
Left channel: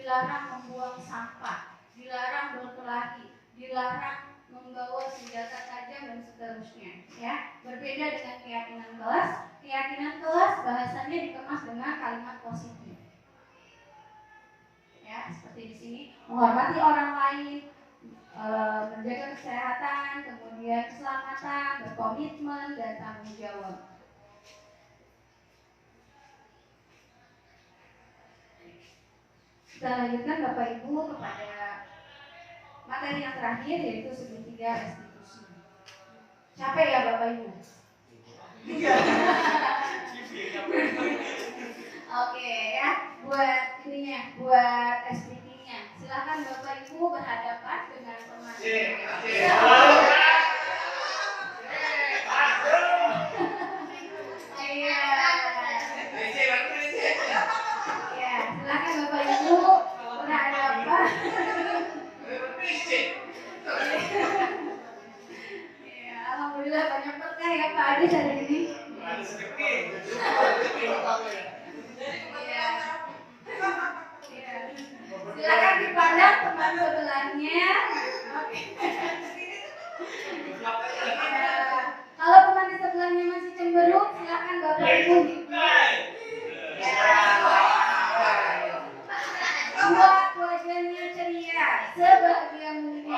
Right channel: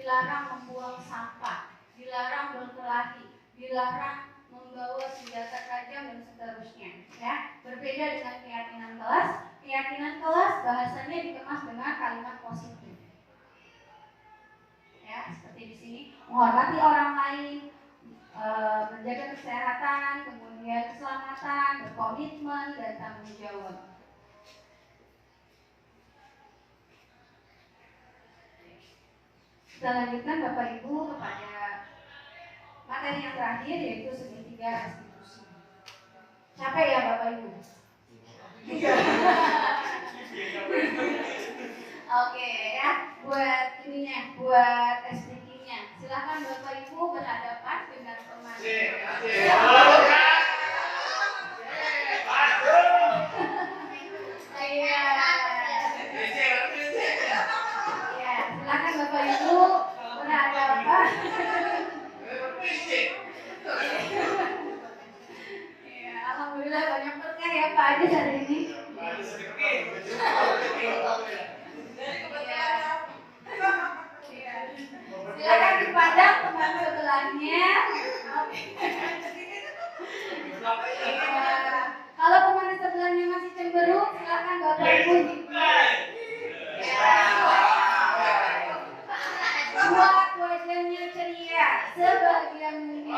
Dilarang membuang sampah, dilarang berkelahi, dilarang membawa senjata tajam dan seterusnya. Ya, berbeda dengan keyakinan kelas. Keyakinan kelas bahasanya dikemas dengan kalimat positif. Ya, seperti di sini, menghormati orang lain, menjaga kesehatan, kemudian keselamatan, berkomitmen dan tanggung jawab. Kita lanjutkan Bapak Ibu kepada materi yang terakhir, yaitu segitiga restitusi. Capek ya Bapak Ibu? Oke ya, buat ininya, buat SPK-nya. Silakan Bapak Ibu berhadapan dengan pemateri. Silakan Bapak Ibu berhadapan. Ya, alhamdulillah banyak berkah ya Pak Adi hari ini. Silakan dipandang teman sebelahnya. Kalau teman di sebelahnya masih cemberut, silakan Bapak Ibu. Buat wajahnya ceria, sebahagia mungkin.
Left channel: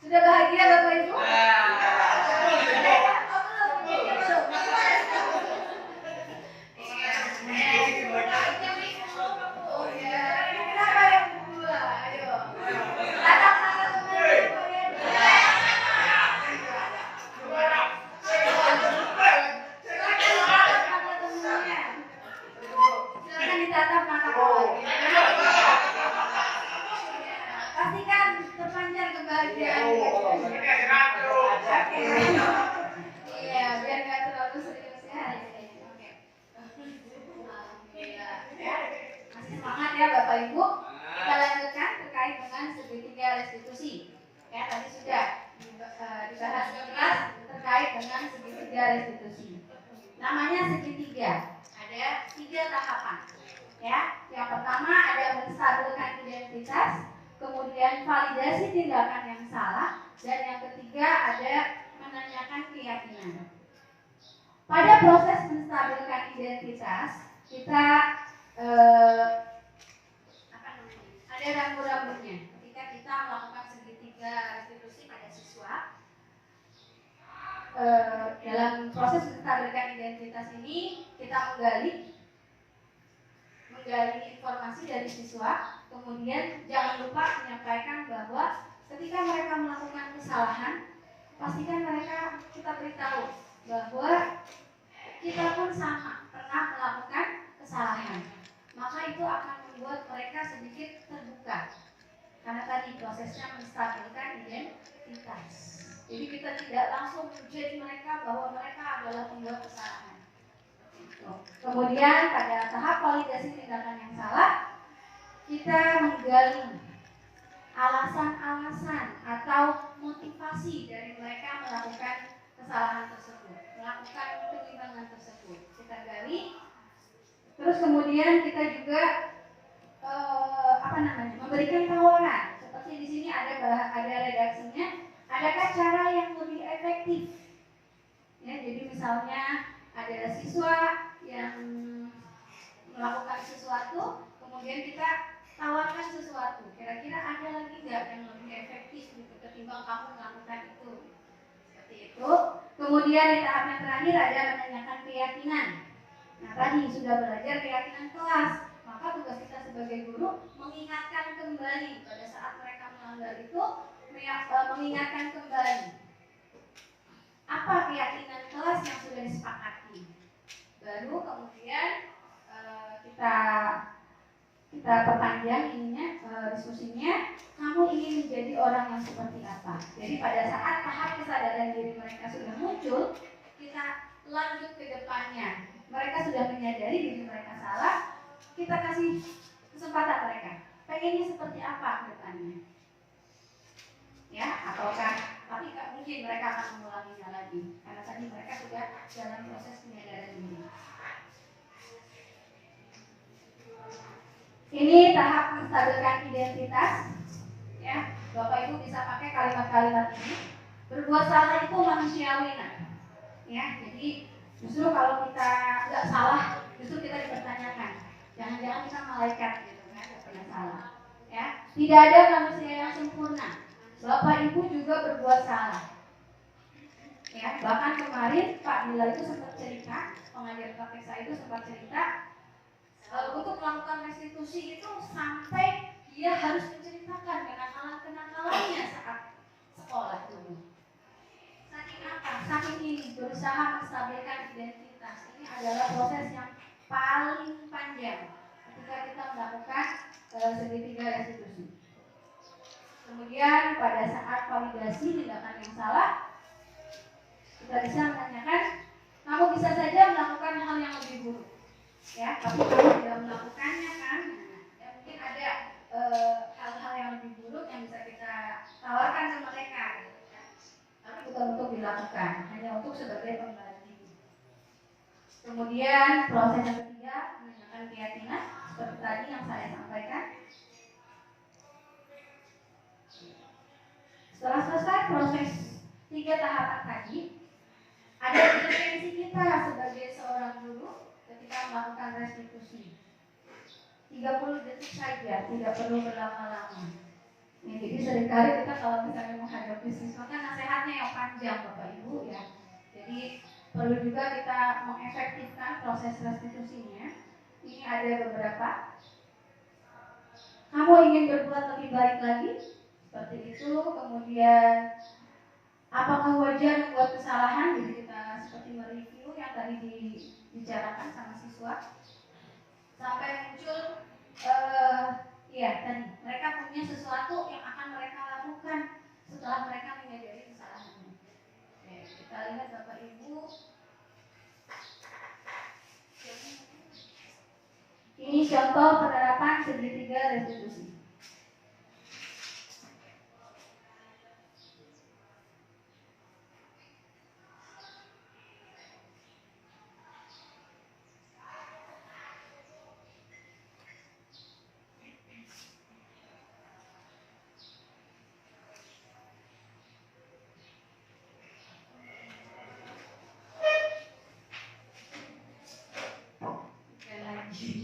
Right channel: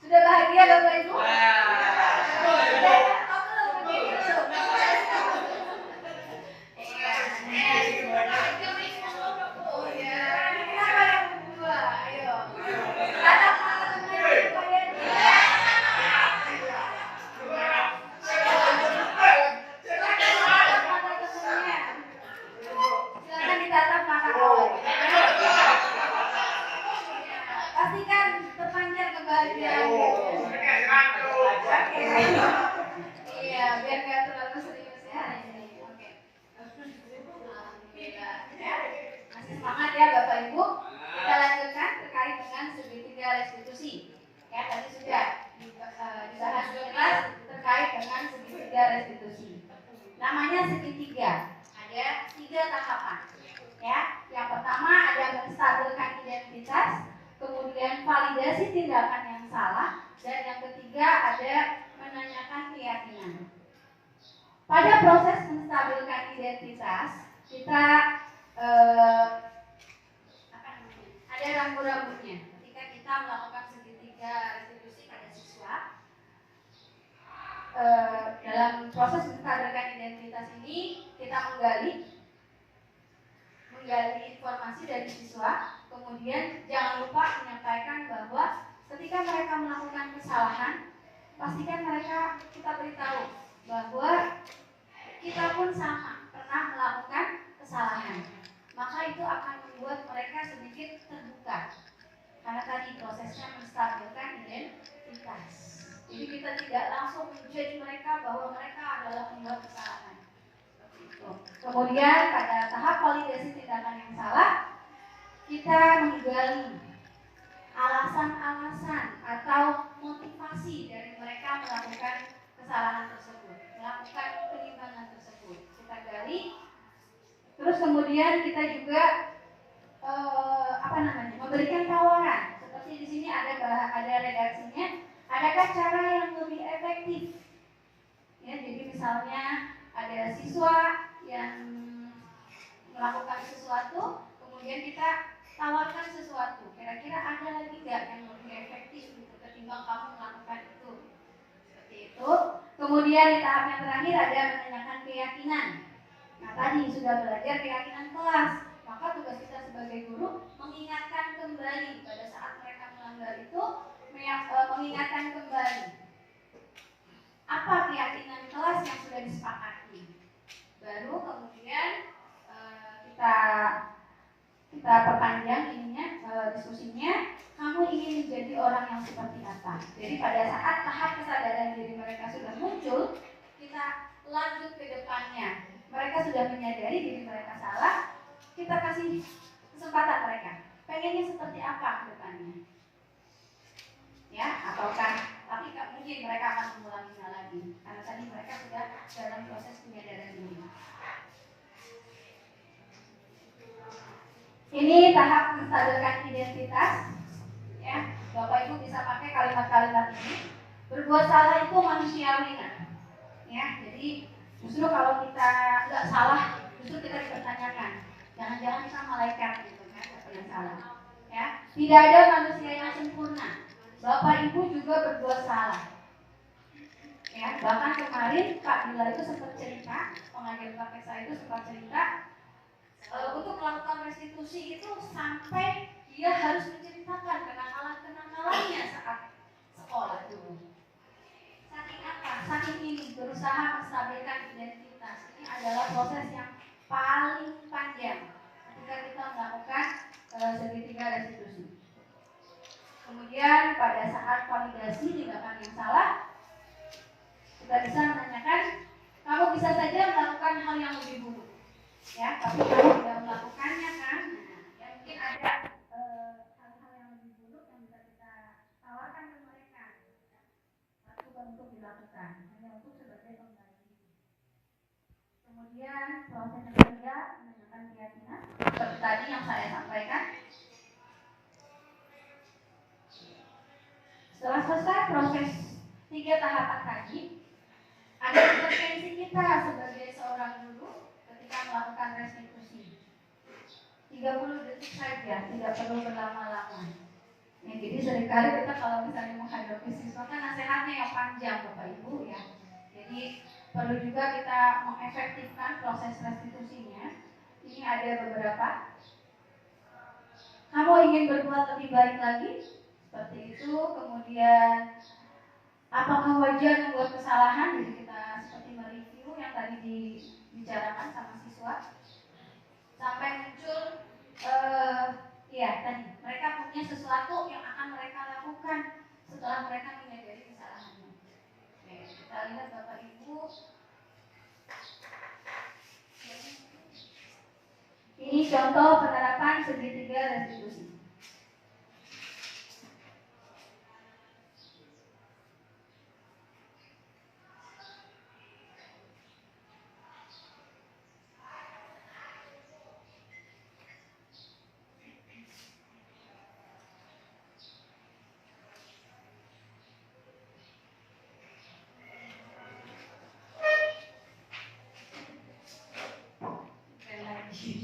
Sudah bahagia Bapak Ibu? Iya, biar nggak terlalu serius ya hari ini. Oke. Alhamdulillah. Ya. Masih semangat ya Bapak Ibu. Kita lanjutkan terkait dengan segitiga restitusi. Ya, tadi sudah dibahas jelas terkait dengan segitiga restitusi. Namanya segitiga. Ada 3 tahapan. Ya, yang pertama ada menstabilkan identitas, kemudian validasi tindakan yang salah, dan yang ketiga ada menanyakan keyakinan. Pada proses menstabilkan identitas, kita ada rambu-rambunya. Ketika kita melakukan segitiga restitusi pada siswa, dalam proses menstabilkan identitas ini kita menggali informasi dari siswa, kemudian jangan lupa menyampaikan bahwa ketika mereka melakukan kesalahan, pastikan kita beritahu bahwa kita pun sama pernah melakukan kesalahan. Maka itu akan membuat mereka sedikit terbuka, karena tadi prosesnya menstabilkan identitas. Jadi kita tidak langsung jadi mereka bahwa mereka adalah pembuat kesalahan. Kemudian pada tahap validasi tindakan yang salah, kita menggali alasan-alasan atau motivasi dari mereka melakukan kesalahan tersebut, melakukan penyimpangan tersebut. Kita gali, terus kemudian kita juga memberikan tawaran. Seperti di sini ada redaksinya. Adakah cara yang lebih efektif? Ya, jadi misalnya ada siswa yang melakukan sesuatu, kemudian kita tawarkan sesuatu. Kira-kira ada lagi nggak yang lebih efektif gitu, ketimbang kamu melakukan itu? Seperti itu. Kemudian di tahap yang terakhir ada menanyakan keyakinan. Nah, tadi sudah belajar keyakinan kelas, maka tugas kita sebagai guru mengingatkan kembali pada saat mereka melanggar itu, mengingatkan kembali apa keyakinan kelas yang sudah disepakati. Baru kemudian kita perpanjang diskusinya, kamu ingin menjadi orang yang seperti apa. Jadi pada saat tahap kesadaran diri mereka sudah muncul, kita lanjut ke depannya. Mereka sudah menyadari diri mereka salah, kita kasih kesempatan mereka. Pengennya seperti apa ke depannya? Ya, ataukah tapi tak mungkin mereka akan mengulanginya lagi, karena tadi mereka sudah dalam proses penyadaran diri. Ini tahap menstabilkan identitas. Ya, Bapak Ibu bisa pakai kalimat-kalimat ini. Berbuat salah itu manusiawi, ya. Jadi justru kalau kita nggak salah, justru kita dipertanyakan. Jangan-jangan kita malaikat gitu kan, yang salah. Ya, tidak ada manusia yang sempurna. Bapak Ibu juga berbuat salah. Ya, bahkan kemarin Pak Bila itu sempat cerita, pengajar KPSA itu sempat cerita untuk melakukan restitusi itu sampai dia harus menceritakan kenakalan-kenakalannya saat sekolah dulu. Saking apa? Saking ini berusaha menstabilkan identitas. Ini adalah proses yang paling panjang ketika kita melakukan segitiga restitusi. Kemudian pada saat validasi tindakan yang salah, kita bisa menanyakan, kamu bisa saja melakukan hal yang lebih buruk, ya, tapi kamu tidak melakukannya kan? Nah, ya, mungkin ada hal-hal yang lebih buruk yang bisa kita tawarkan ke mereka, ya. Tapi bukan untuk dilakukan, hanya untuk sebagai pembanding. Kemudian proses yang ketiga menanyakan keyakinan, seperti tadi yang saya sampaikan. Setelah selesai proses 3 tahapan tadi, ada intervensi kita sebagai seorang guru ketika melakukan restitusi. 30 detik saja, tidak perlu berlama-lama. Ya, jadi seringkali kita kalau misalnya menghadapi siswa kan nasihatnya yang panjang Bapak Ibu, ya. Jadi perlu juga kita mengefektifkan proses restitusinya. Ini ada beberapa. Kamu ingin berbuat lebih baik lagi? Seperti itu. Kemudian apakah wajar membuat kesalahan? Jadi kita seperti mereview yang tadi dibicarakan sama siswa sampai muncul tadi mereka punya sesuatu yang akan mereka lakukan setelah mereka menyadari kesalahannya. lihat Bapak Ibu, ini contoh penerapan segitiga restitusi. Sekali lagi.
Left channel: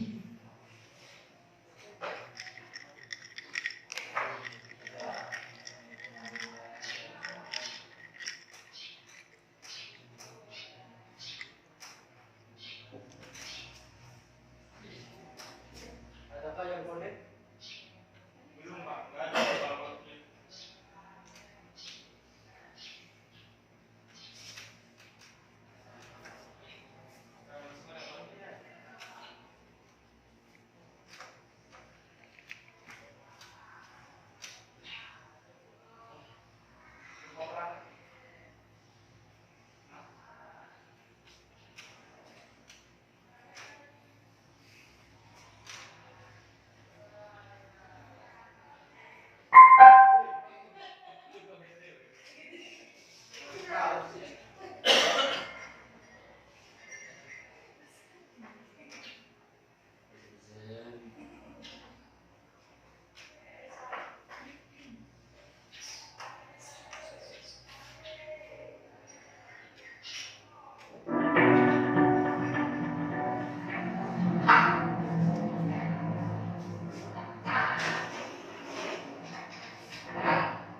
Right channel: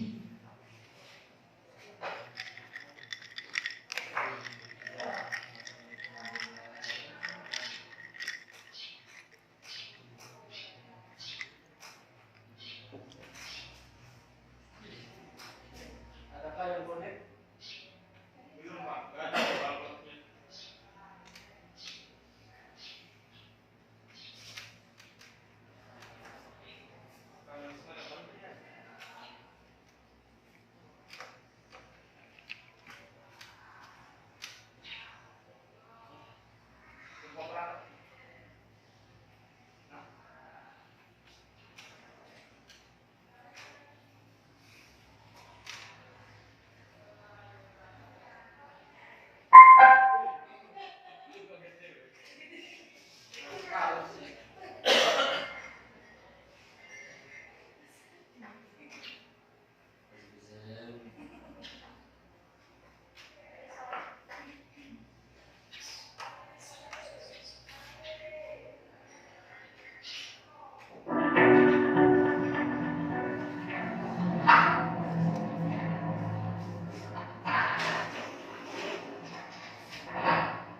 Adakah yang connect? Belum Pak, nggak ada barcode-nya.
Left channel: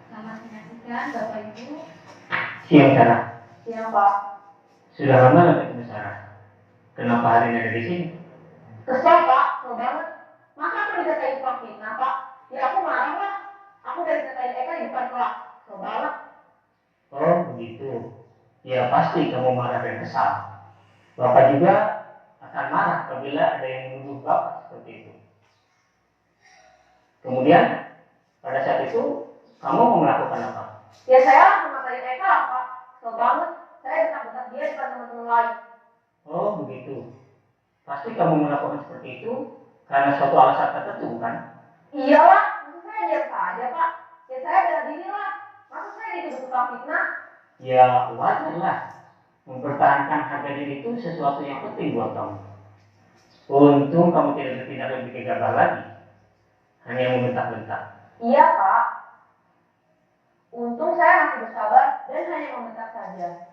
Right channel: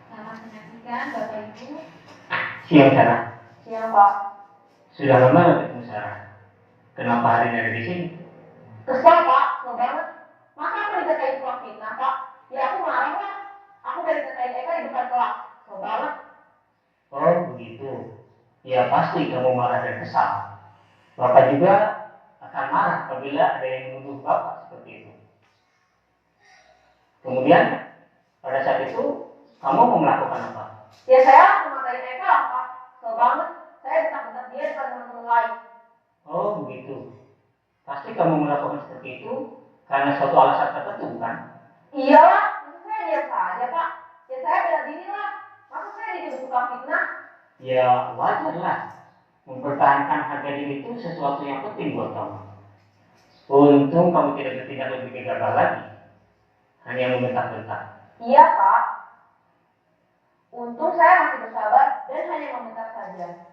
Selamat menyaksikan Bapak Ibu. Siang Sarah, Siang Pak. sudah lama nggak ketemu Sarah? Kenapa hari ini ada di sini? Kesel Pak, kesel banget. Masa aku dikatain tukang fitnah Pak? Ya aku marah lah. Aku dari katain Eka di depan kelas. Kesel banget. Oh begitu. Ya pasti kamu marah dan kesal. Bapak juga akan marah apabila ada yang menuduh Bapak seperti itu. Kemudian pada saat itu kamu mau melakukan apa? Ya saya langsung ngatain Eka lah Pak. Kesel banget. Saya bentak-bentak dia depan teman-teman lain. Oh begitu. Pasti kamu melakukan seperti itu karena suatu alasan tertentu bukan? Iyalah, maksud saya diam saja Pak. Ya saya bela diri lah. Masa saya dituduh tukang fitnah? Ya wajarlah. Mempertahankan harga diri itu sesuatu yang penting buat kamu. Untung kamu tidak bertindak lebih gegabah lagi. Hanya membentak-bentak. Iya Pak. Untung saya masih bersabar dan hanya membentak saja.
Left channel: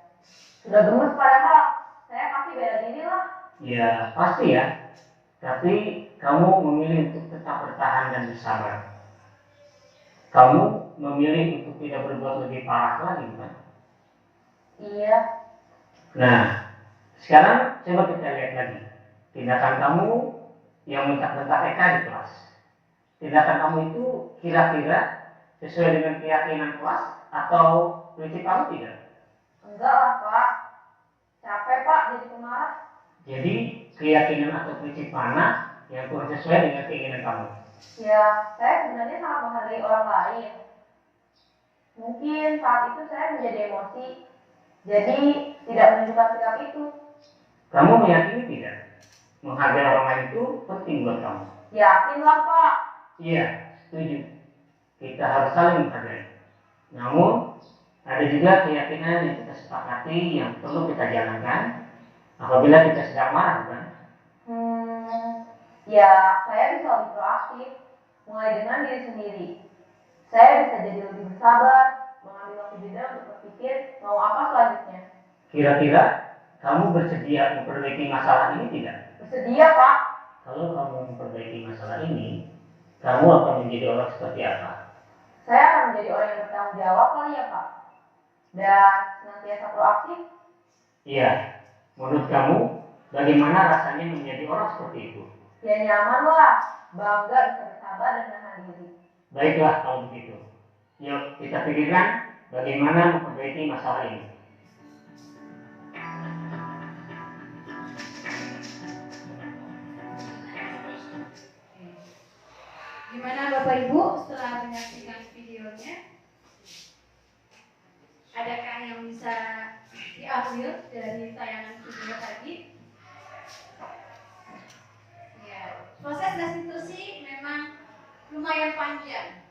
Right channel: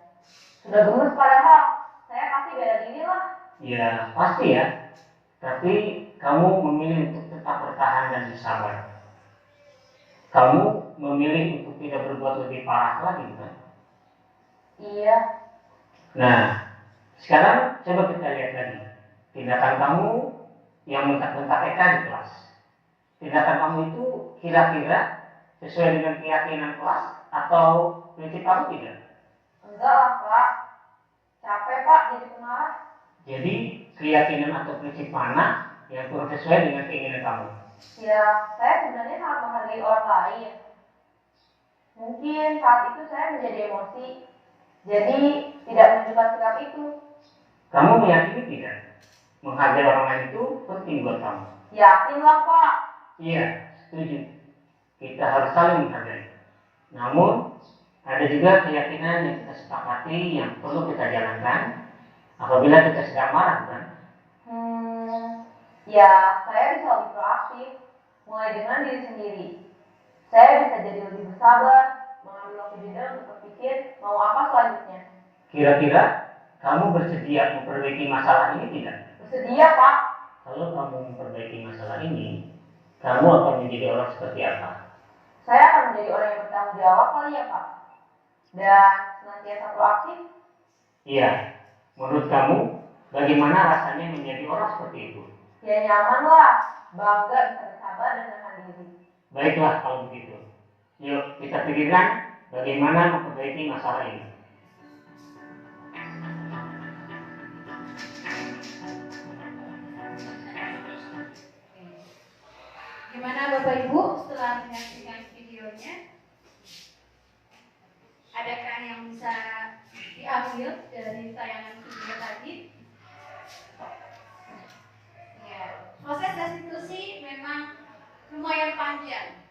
Sudah gemes padahal. Saya pasti bela diri lah. Ya pasti ya. Tapi kamu memilih untuk tetap bertahan dan bersabar. Kamu memilih untuk tidak berbuat lebih parah lagi bukan? Iya. Nah, sekarang coba kita lihat lagi. Tindakan kamu yang bentak-bentak Eka di kelas. Tindakan kamu itu kira-kira sesuai dengan keyakinan kelas atau prinsip kamu tidak? Enggak lah Pak. Capek Pak jadi pemarah. Jadi keyakinan atau prinsip mana yang kurang sesuai dengan keinginan kamu? Ya, saya sebenarnya sangat menghargai orang lain. Mungkin saat itu saya menjadi emosi. Jadi tidak menunjukkan sikap itu. Kamu meyakini tidak? Menghargai orang lain itu penting buat kamu. Yakinlah Pak. Iya, setuju. Kita harus saling menghargai. Namun, ada juga keyakinan yang kita sepakati yang perlu kita jalankan apabila kita sedang marah, bukan? Ya, saya bisa lebih proaktif. Mulai dengan diri sendiri. Saya bisa jadi lebih bersabar, mengambil waktu jeda untuk berpikir mau apa selanjutnya. Kira-kira kamu bersedia memperbaiki masalah ini tidak? Bersedia Pak. Kalau kamu memperbaiki masalah ini, kamu akan menjadi orang seperti apa? Saya akan menjadi orang yang bertanggung jawab kali ya Pak. Dan senantiasa proaktif. Iya, menurut kamu bagaimana rasanya menjadi orang seperti itu? Ya nyaman lah, bangga bisa bersabar dan menahan diri. Baiklah kalau begitu. Yuk kita pikirkan bagaimana memperbaiki masalah ini. Gimana Bapak Ibu setelah menyaksikan videonya? Adakah yang bisa diambil dari tayangan video tadi. Ya, proses restitusi memang lumayan panjang,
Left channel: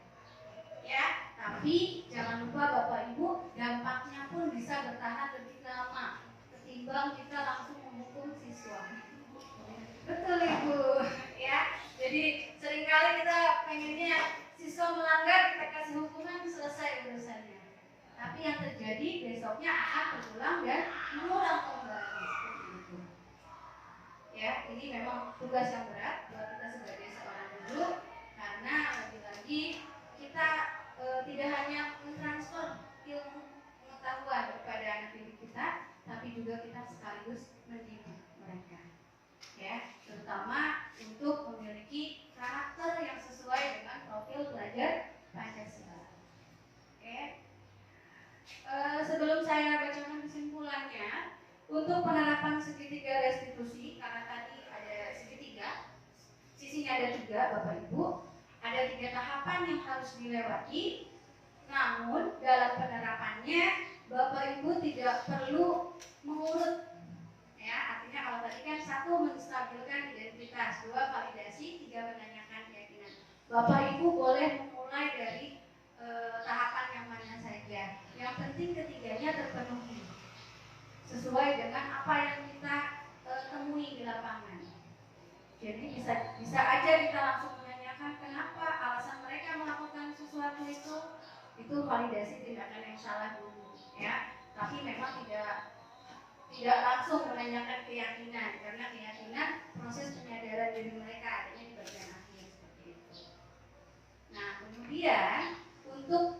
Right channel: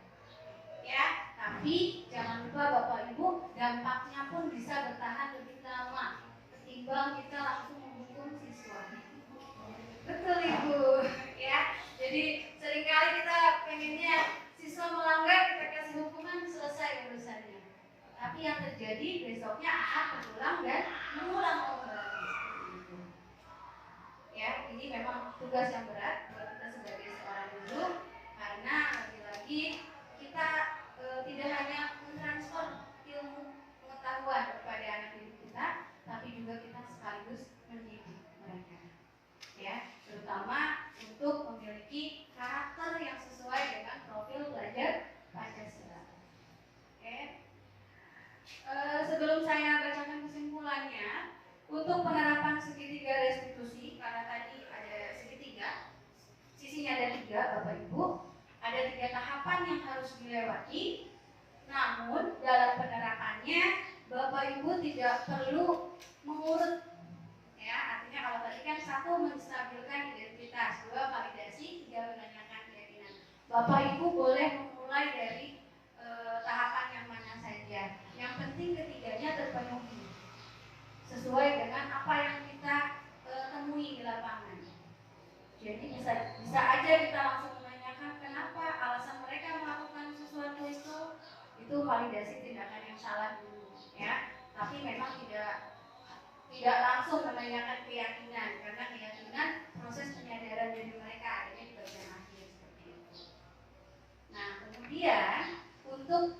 ya. Tapi jangan lupa Bapak Ibu, dampaknya pun bisa bertahan lebih lama ketimbang kita langsung menghukum siswa. Betul Ibu, ya. Jadi seringkali kita pengennya siswa melanggar, kita kasih hukuman, selesai urusannya. Tapi yang terjadi besoknya akan berulang dan mengulang kembali. Ya, ini memang tugas yang berat buat kita sebagai seorang guru, karena lagi-lagi kita tidak hanya mentransfer ilmu pengetahuan kepada anak didik kita, tapi juga kita sekaligus mendidik mereka. Ya, terutama untuk memiliki karakter yang sesuai dengan profil belajar Pancasila. Oke. Sebelum saya bacakan kesimpulannya, untuk penerapan segitiga restitusi, karena tadi ada segitiga, sisinya ada 3 Bapak Ibu, ada 3 tahapan yang harus dilewati. Namun dalam penerapannya Bapak Ibu tidak perlu mengurut, ya. Artinya kalau tadi kan 1 menstabilkan identitas, 2 validasi, 3 menanyakan keyakinan. Bapak Ibu boleh memulai dari tahapan yang mana saja. Yang penting ketiganya terpenuhi sesuai dengan apa yang kita temui di lapangan. Jadi bisa aja kita langsung menanyakan kenapa alasan mereka melakukan sesuatu itu validasi tindakan yang salah dulu, ya. Tapi memang tidak langsung menanyakan keyakinan, karena keyakinan proses penyadaran diri mereka adanya di bagian akhir seperti itu. Nah, kemudian untuk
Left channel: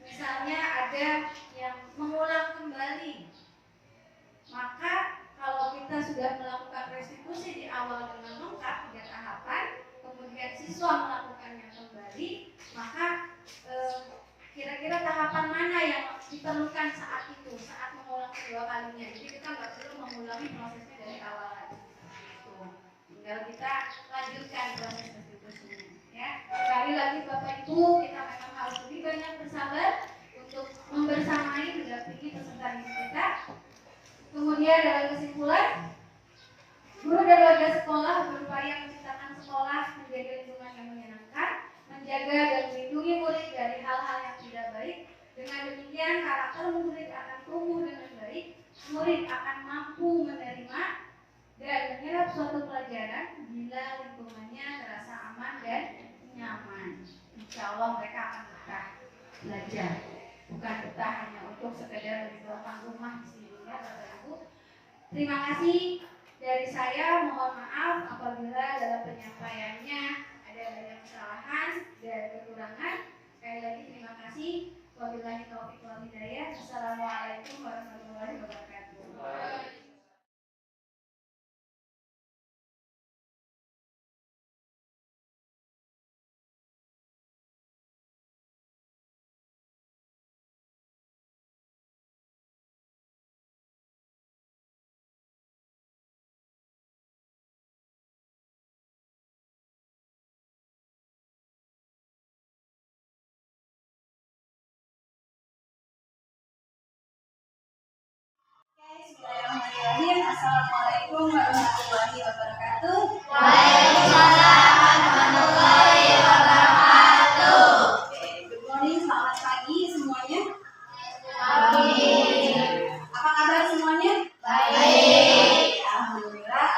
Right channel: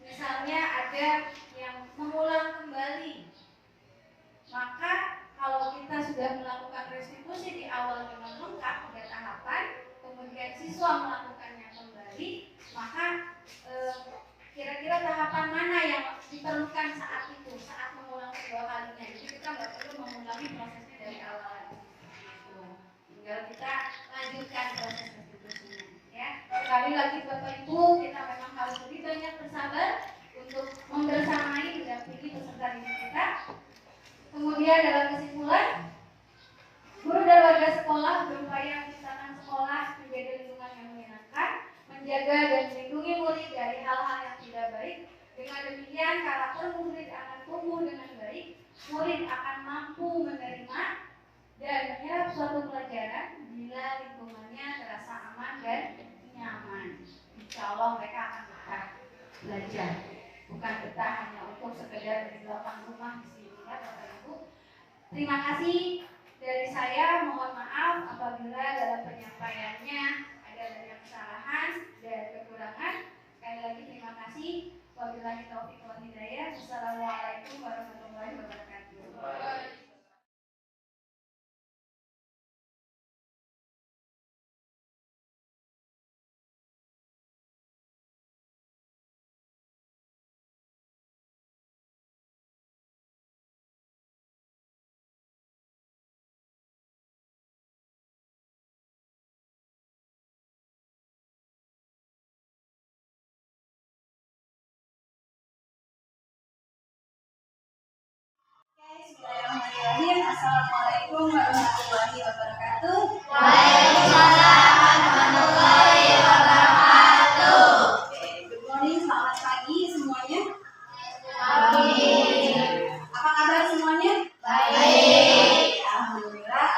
misalnya ada yang mengulang kembali, maka kalau kita sudah melakukan restitusi di awal dengan lengkap 3 tahapan, kemudian siswa melakukannya kembali, maka kira-kira tahapan mana yang diperlukan saat itu, saat mengulang kedua kalinya. Jadi kita nggak perlu mengulangi prosesnya dari awal lagi. Tinggal kita lanjutkan proses restitusinya. Ya, sekali lagi Bapak Ibu, kita memang harus lebih banyak bersabar untuk membersamai mendampingi peserta didik kita. Kemudian dalam kesimpulan, guru dan warga sekolah berupaya menciptakan sekolah menjadi lingkungan yang menyenangkan, menjaga dan melindungi murid dari hal-hal yang tidak baik. Dengan demikian, karakter murid akan tumbuh dengan baik, murid akan mampu menerima dan menyerap suatu pelajaran bila lingkungannya terasa aman dan nyaman. Insya Allah mereka akan betah belajar, bukan betah hanya untuk sekedar di belakang rumah di sini, ya Bapak Ibu. Terima kasih dari saya, mohon maaf apabila dalam penyampaiannya ada banyak kesalahan dan kekurangan. Sekali lagi terima kasih. Wabillahi taufiq wal hidayah. Wassalamualaikum warahmatullahi wabarakatuh. Bismillahirrahmanirrahim. Assalamualaikum warahmatullahi wabarakatuh. Waalaikumsalam warahmatullahi wabarakatuh. Good morning, selamat pagi semuanya. Apa kabar semuanya? Baik. Alhamdulillah.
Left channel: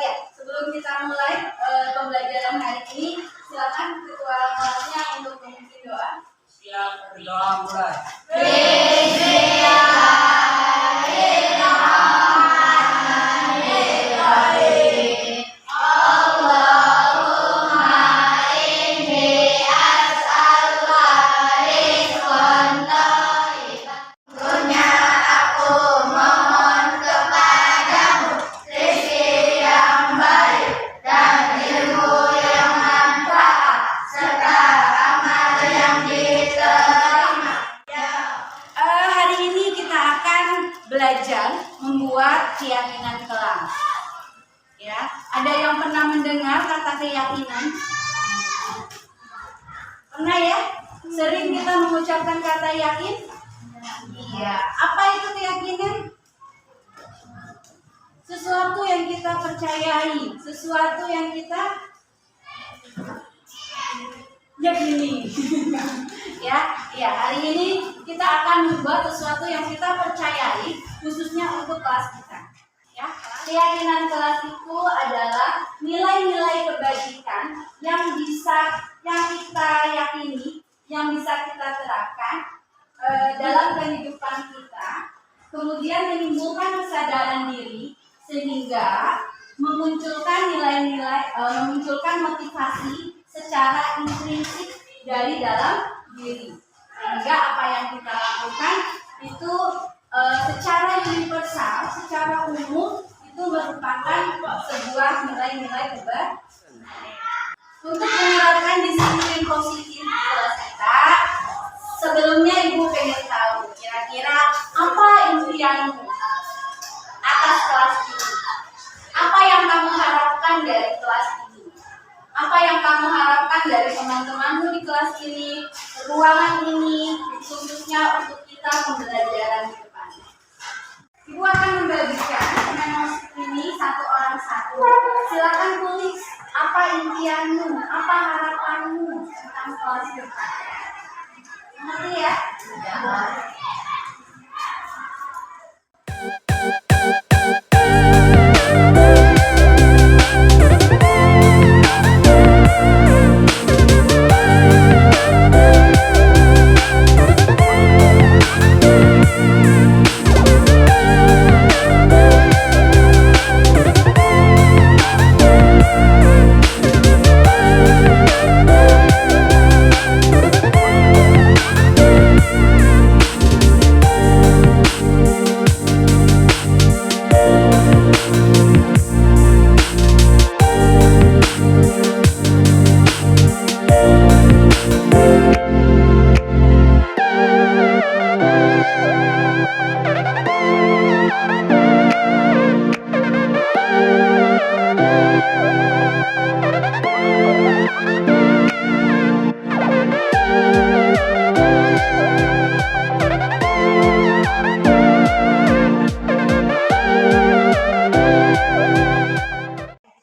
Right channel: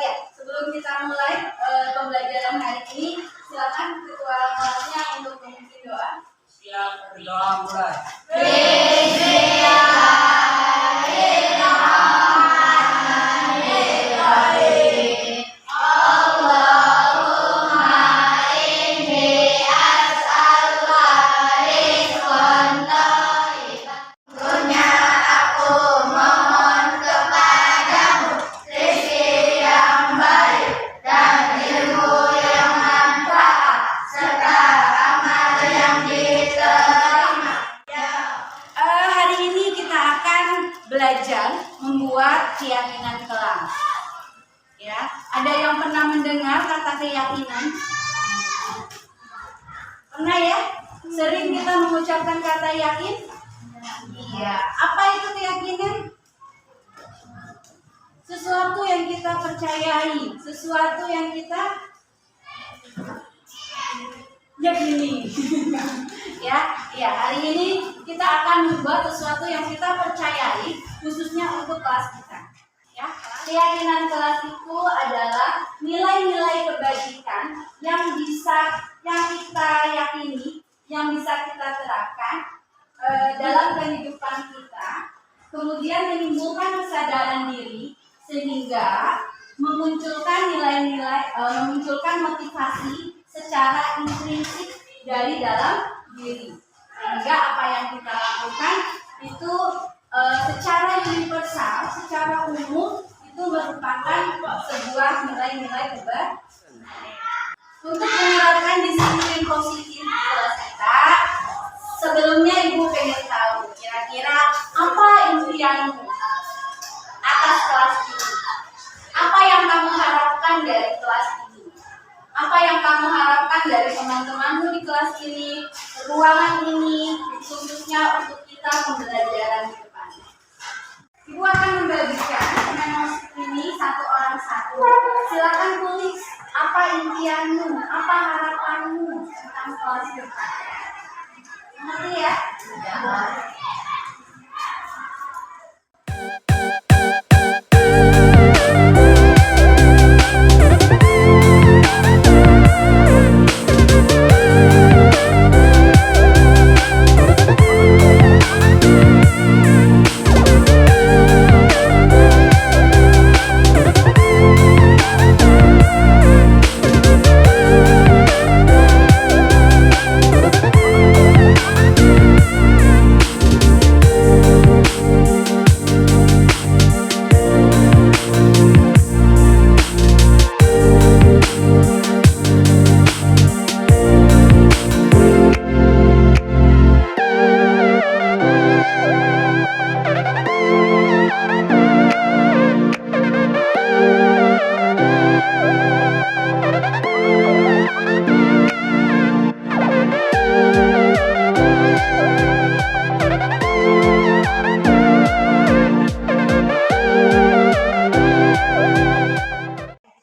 Ya, sebelum kita mulai pembelajaran hari ini, silakan ketua kelasnya untuk memimpin doa. Siap, berdoa mulai. Belajar membuat keyakinan kelak. Ya, ada yang pernah mendengar kata keyakinan? Pernah ya? Sering kita mengucapkan kata yakin? Iya. Ya, apa itu keyakinan? Sesuatu yang kita percayai, sesuatu yang kita yakini. ya, hari ini kita akan membuat sesuatu yang kita percayai, khususnya untuk kelas kita. Ya, keyakinan kelas itu adalah nilai-nilai kebajikan yang kita yakini, yang bisa kita terapkan dalam kehidupan kita, kemudian menimbulkan kesadaran diri sehingga memunculkan nilai-nilai, memunculkan motivasi secara intrinsik dari dalam diri, sehingga apa yang kita lakukan itu secara universal, secara umum itu merupakan sebuah nilai-nilai kebajikan. Untuk menerapkan disiplin positif di kelas kita, sebelumnya Ibu pengen tahu kira-kira apa impianmu atas kelas ini? Apa yang kamu harapkan dari kelas ini? Apa yang kamu harapkan dari teman-temanmu di kelas ini, ruangan ini, khususnya untuk kita pembelajaran ke depan? Ibu akan membagikan memos ini satu orang satu. Silakan tulis apa impianmu, apa harapanmu tentang kelas depan. Mengerti ya?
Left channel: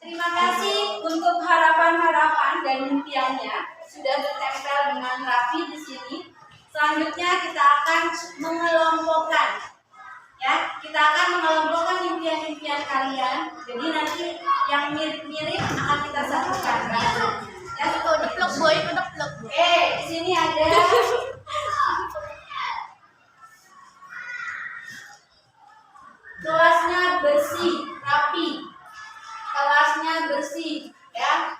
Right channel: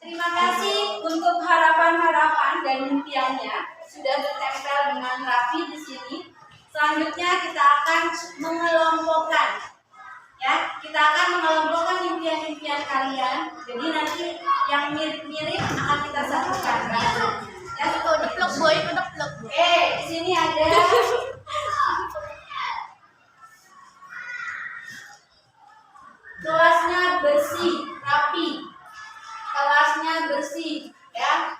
Terima kasih untuk harapan-harapan dan impiannya sudah bertempel dengan rapi di sini. Selanjutnya kita akan mengelompokkan, ya, kita akan mengelompokkan impian-impian kalian. Jadi nanti yang mirip-mirip akan kita satukan. Ya, udah plug boy, udah plug. Di sini ada kelasnya bersih, rapi. Kelasnya bersih, ya.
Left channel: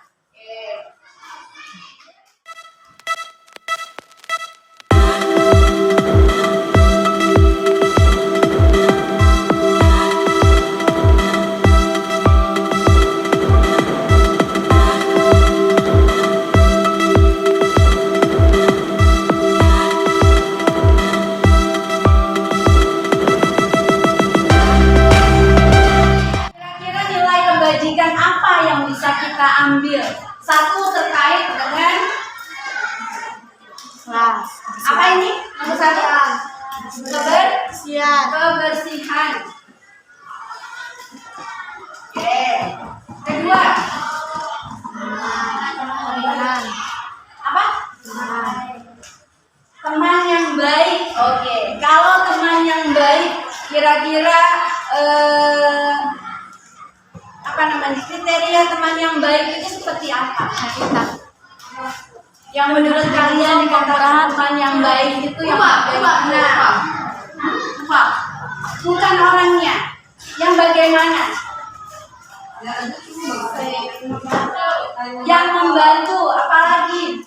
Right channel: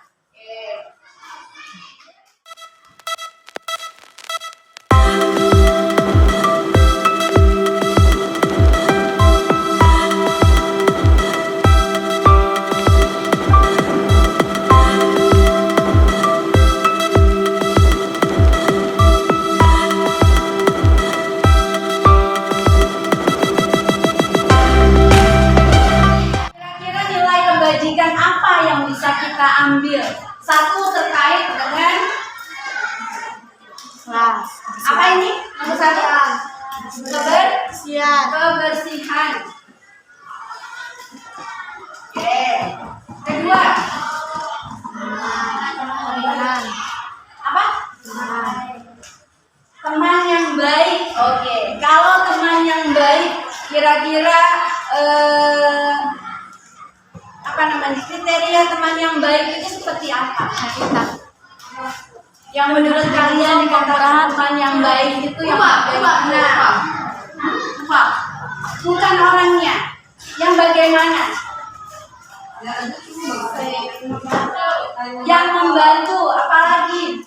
Kira-kira nilai kebajikan apa yang bisa kita ambil? Satu, terkait dengan apa ini? Nomor satu, kebersihan. Kedua, apa? Teman yang baik. Oke, kalau teman yang baik, kira-kira apa namanya, kriteria teman yang baik itu seperti apa? Yang menurut kalian dikatakan teman yang baik itu yang bagaimana? Bukan orangnya, yang bagaimana? Yang membantu, apalagi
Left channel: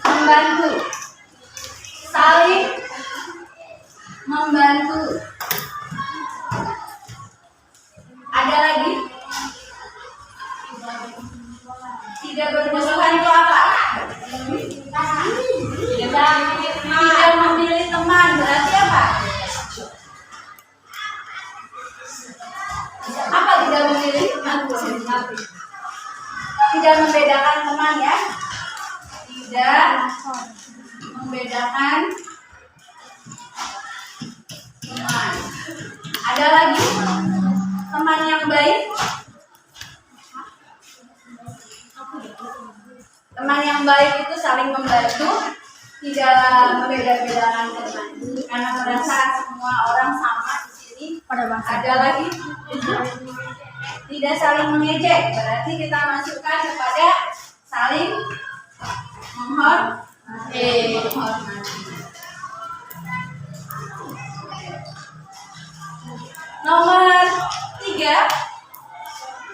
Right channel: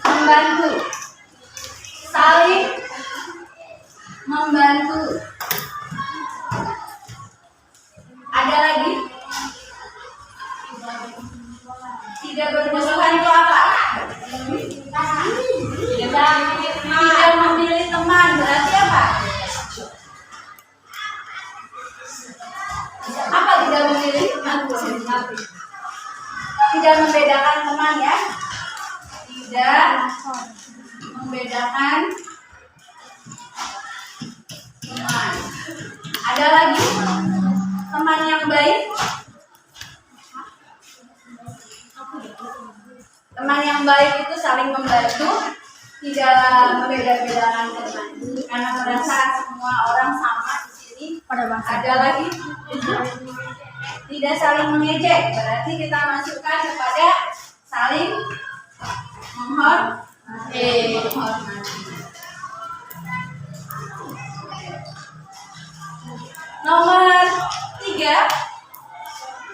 membantu, saling membantu. Ada lagi? Tidak bermusuhan itu apa? Tidak memilih teman, berarti apa? Apa tidak memilih teman? Tidak membedakan teman, ya? Tidak membedakan teman. Ada lagi teman yang baik. Teman yang baik itu saling membantu, tidak membeda-bedakan teman. Karena merasa semua orang sama di sini. Ada lagi tidak saling mengejek, berarti kita masukkan kepada saling menghormati. Nomor 3,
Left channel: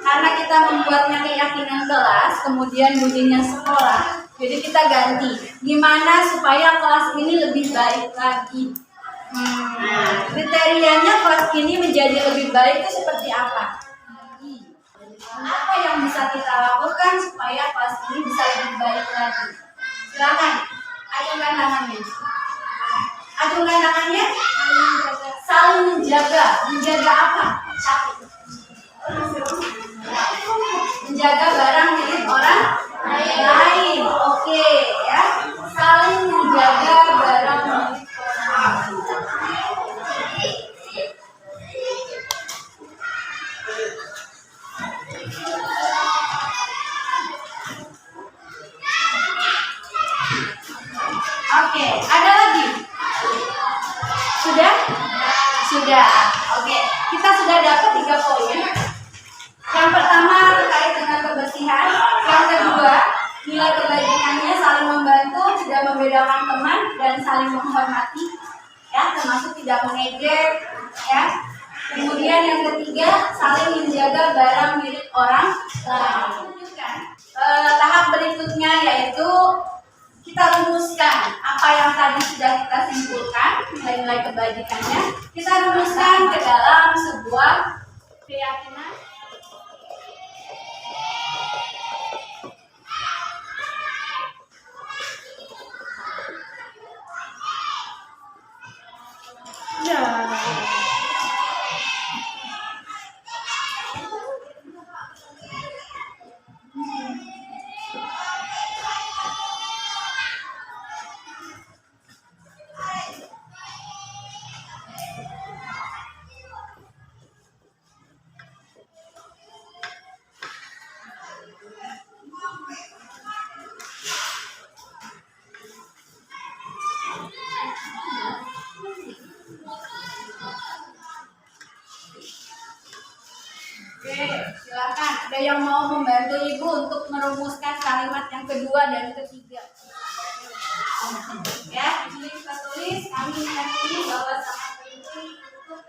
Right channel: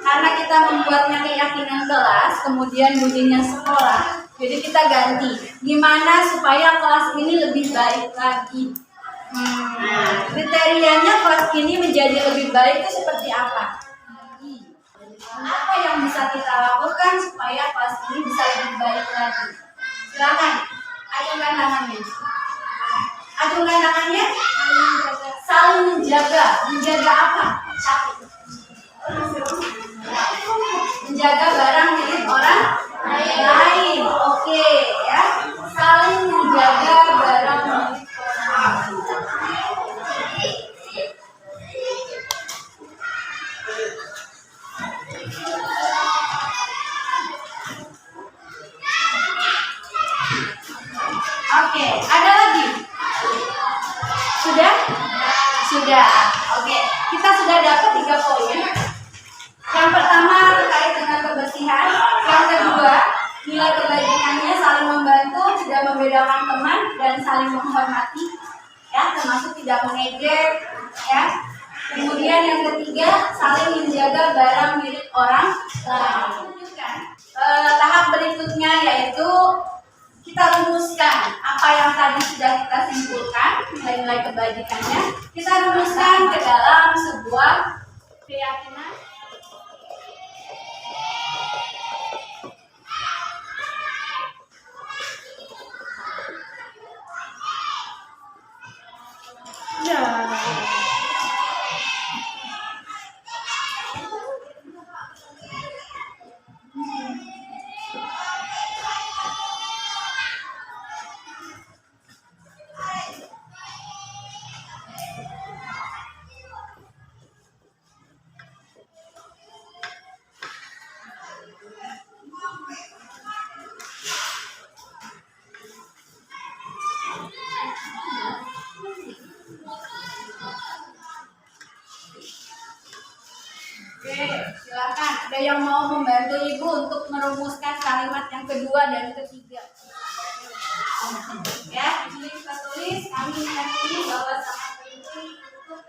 karena kita membuatnya keyakinan kelas, kemudian bunyinya sekolah, jadi kita ganti. Gimana supaya kelas ini lebih baik lagi? Kriterianya kelas ini menjadi lebih baik itu seperti apa? Apa yang bisa kita lakukan supaya kelas ini bisa lebih baik lagi? Silakan, acungkan tangannya. Acungkan tangannya. Saling menjaga. Menjaga apa? Menjaga barang milik orang lain. Oke, ya. Saling menjaga barang milik orang lain. Oke, ada lagi? Sudah? Sudah. Oke, kita sudah dapat 3 poin. Yang pertama terkait dengan kebersihan. Yang kedua, nilai kebajikannya saling membantu, tidak membedakan teman, dan saling menghormati. Ya, termasuk tidak mengejek. Ya. Kemudian yang ketiga, saling menjaga barang milik orang lain. Tahap berikutnya yaitu kita rumuskan apa yang tadi sudah kita simpulkan, nilai-nilai kebajikannya, kita rumuskan ke dalam sebuah keyakinan. Oke, silakan. Ada yang mau membantu Ibu untuk merumuskan kalimat yang kedua dan ketiga? Ya, ini kita tulis. Kami meyakini bahwa sangat penting untuk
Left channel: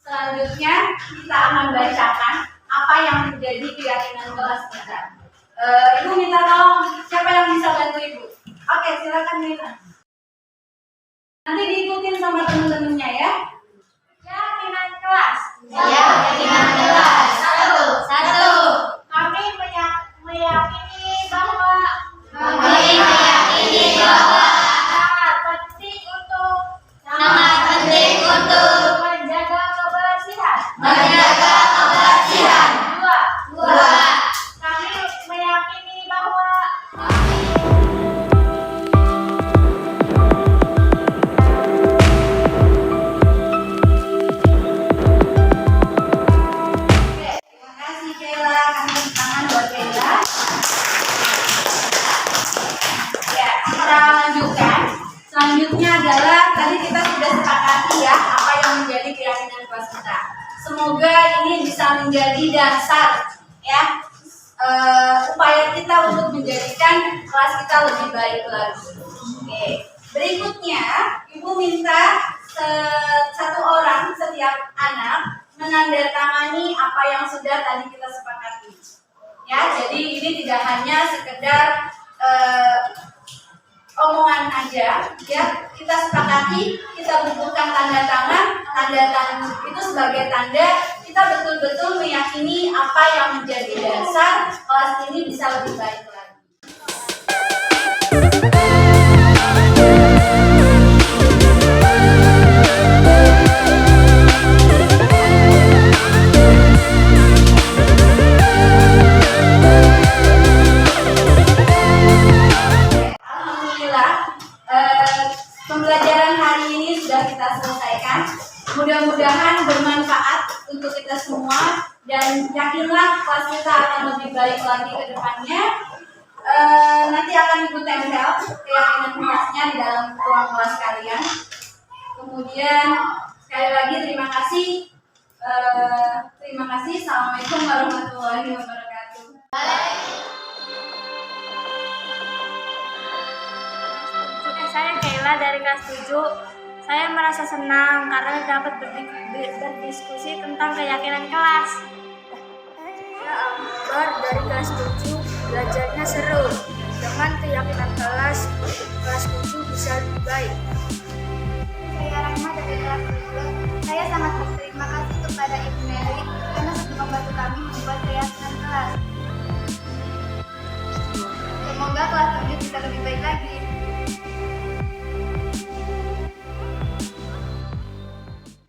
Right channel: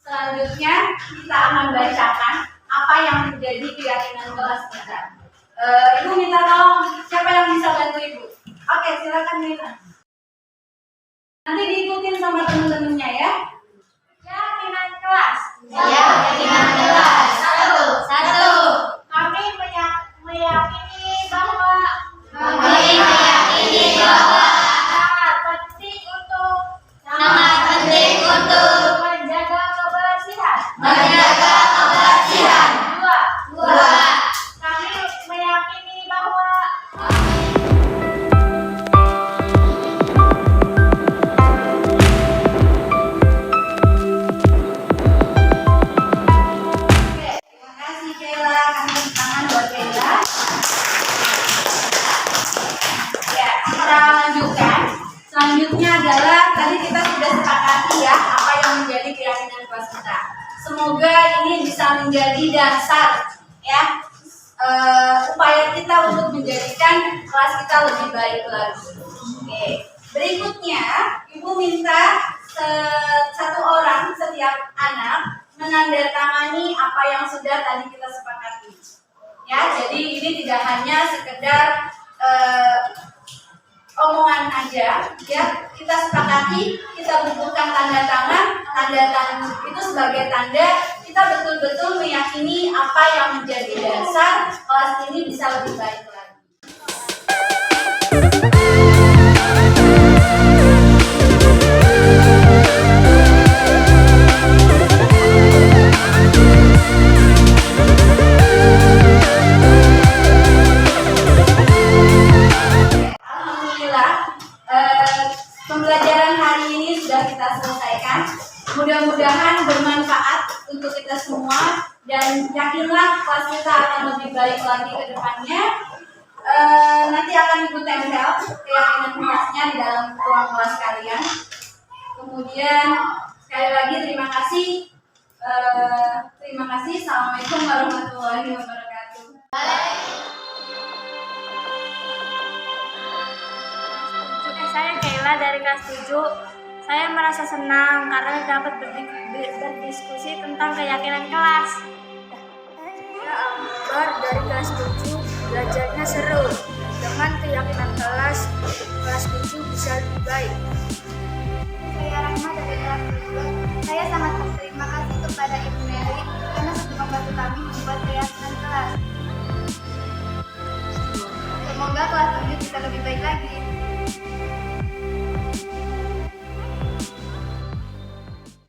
selanjutnya kita akan bacakan apa yang menjadi keyakinan kelas kita. Ibu minta tolong, siapa yang bisa bantu Ibu? Oke, silakan Mita. Nanti diikutin sama teman-temannya ya. Keyakinan kelas. Keyakinan kelas. Satu. Kami meyakini bahwa sangat penting untuk menjaga kebersihan. Dua. Kami meyakini bahwa Oke, terima kasih Kayla. Kami tepuk tangan buat Kayla. Ya, kita lanjutkan. Selanjutnya adalah tadi kita sudah sepakati ya apa yang menjadi keyakinan kelas kita. Semoga ini bisa menjadi dasar ya upaya kita untuk menjadikan kelas kita lebih baik lagi. Oke. Berikutnya, Ibu minta satu orang setiap anak menandatangani apa yang sudah tadi kita sepakati. Ya, jadi ini tidak hanya sekedar omongan aja, ya kita sepakati, kita bubuhkan tanda tangan, itu sebagai tanda kita betul-betul meyakini apa yang menjadi dasar kelas ini bisa lebih baik lagi. Alhamdulillah, pembelajaran hari ini sudah kita selesaikan. Mudah-mudahan bermanfaat untuk kita semua dan yakinlah kelas kita akan lebih baik lagi ke depannya. Nanti akan ikut tempel keyakinan kelasnya di dalam ruang kelas kalian. Kemudian sekali lagi terima kasih. Assalamualaikum warahmatullahi wabarakatuh. Saya Kayla dari kelas 7. Saya merasa senang karena dapat berdiskusi tentang keyakinan kelas. Saya Akbar dari kelas 7. Belajarnya seru. Dengan keyakinan kelas 7 bisa lebih baik. Saya Rahma dari kelas 7. Saya sangat berterima kasih kepada Ibu Mary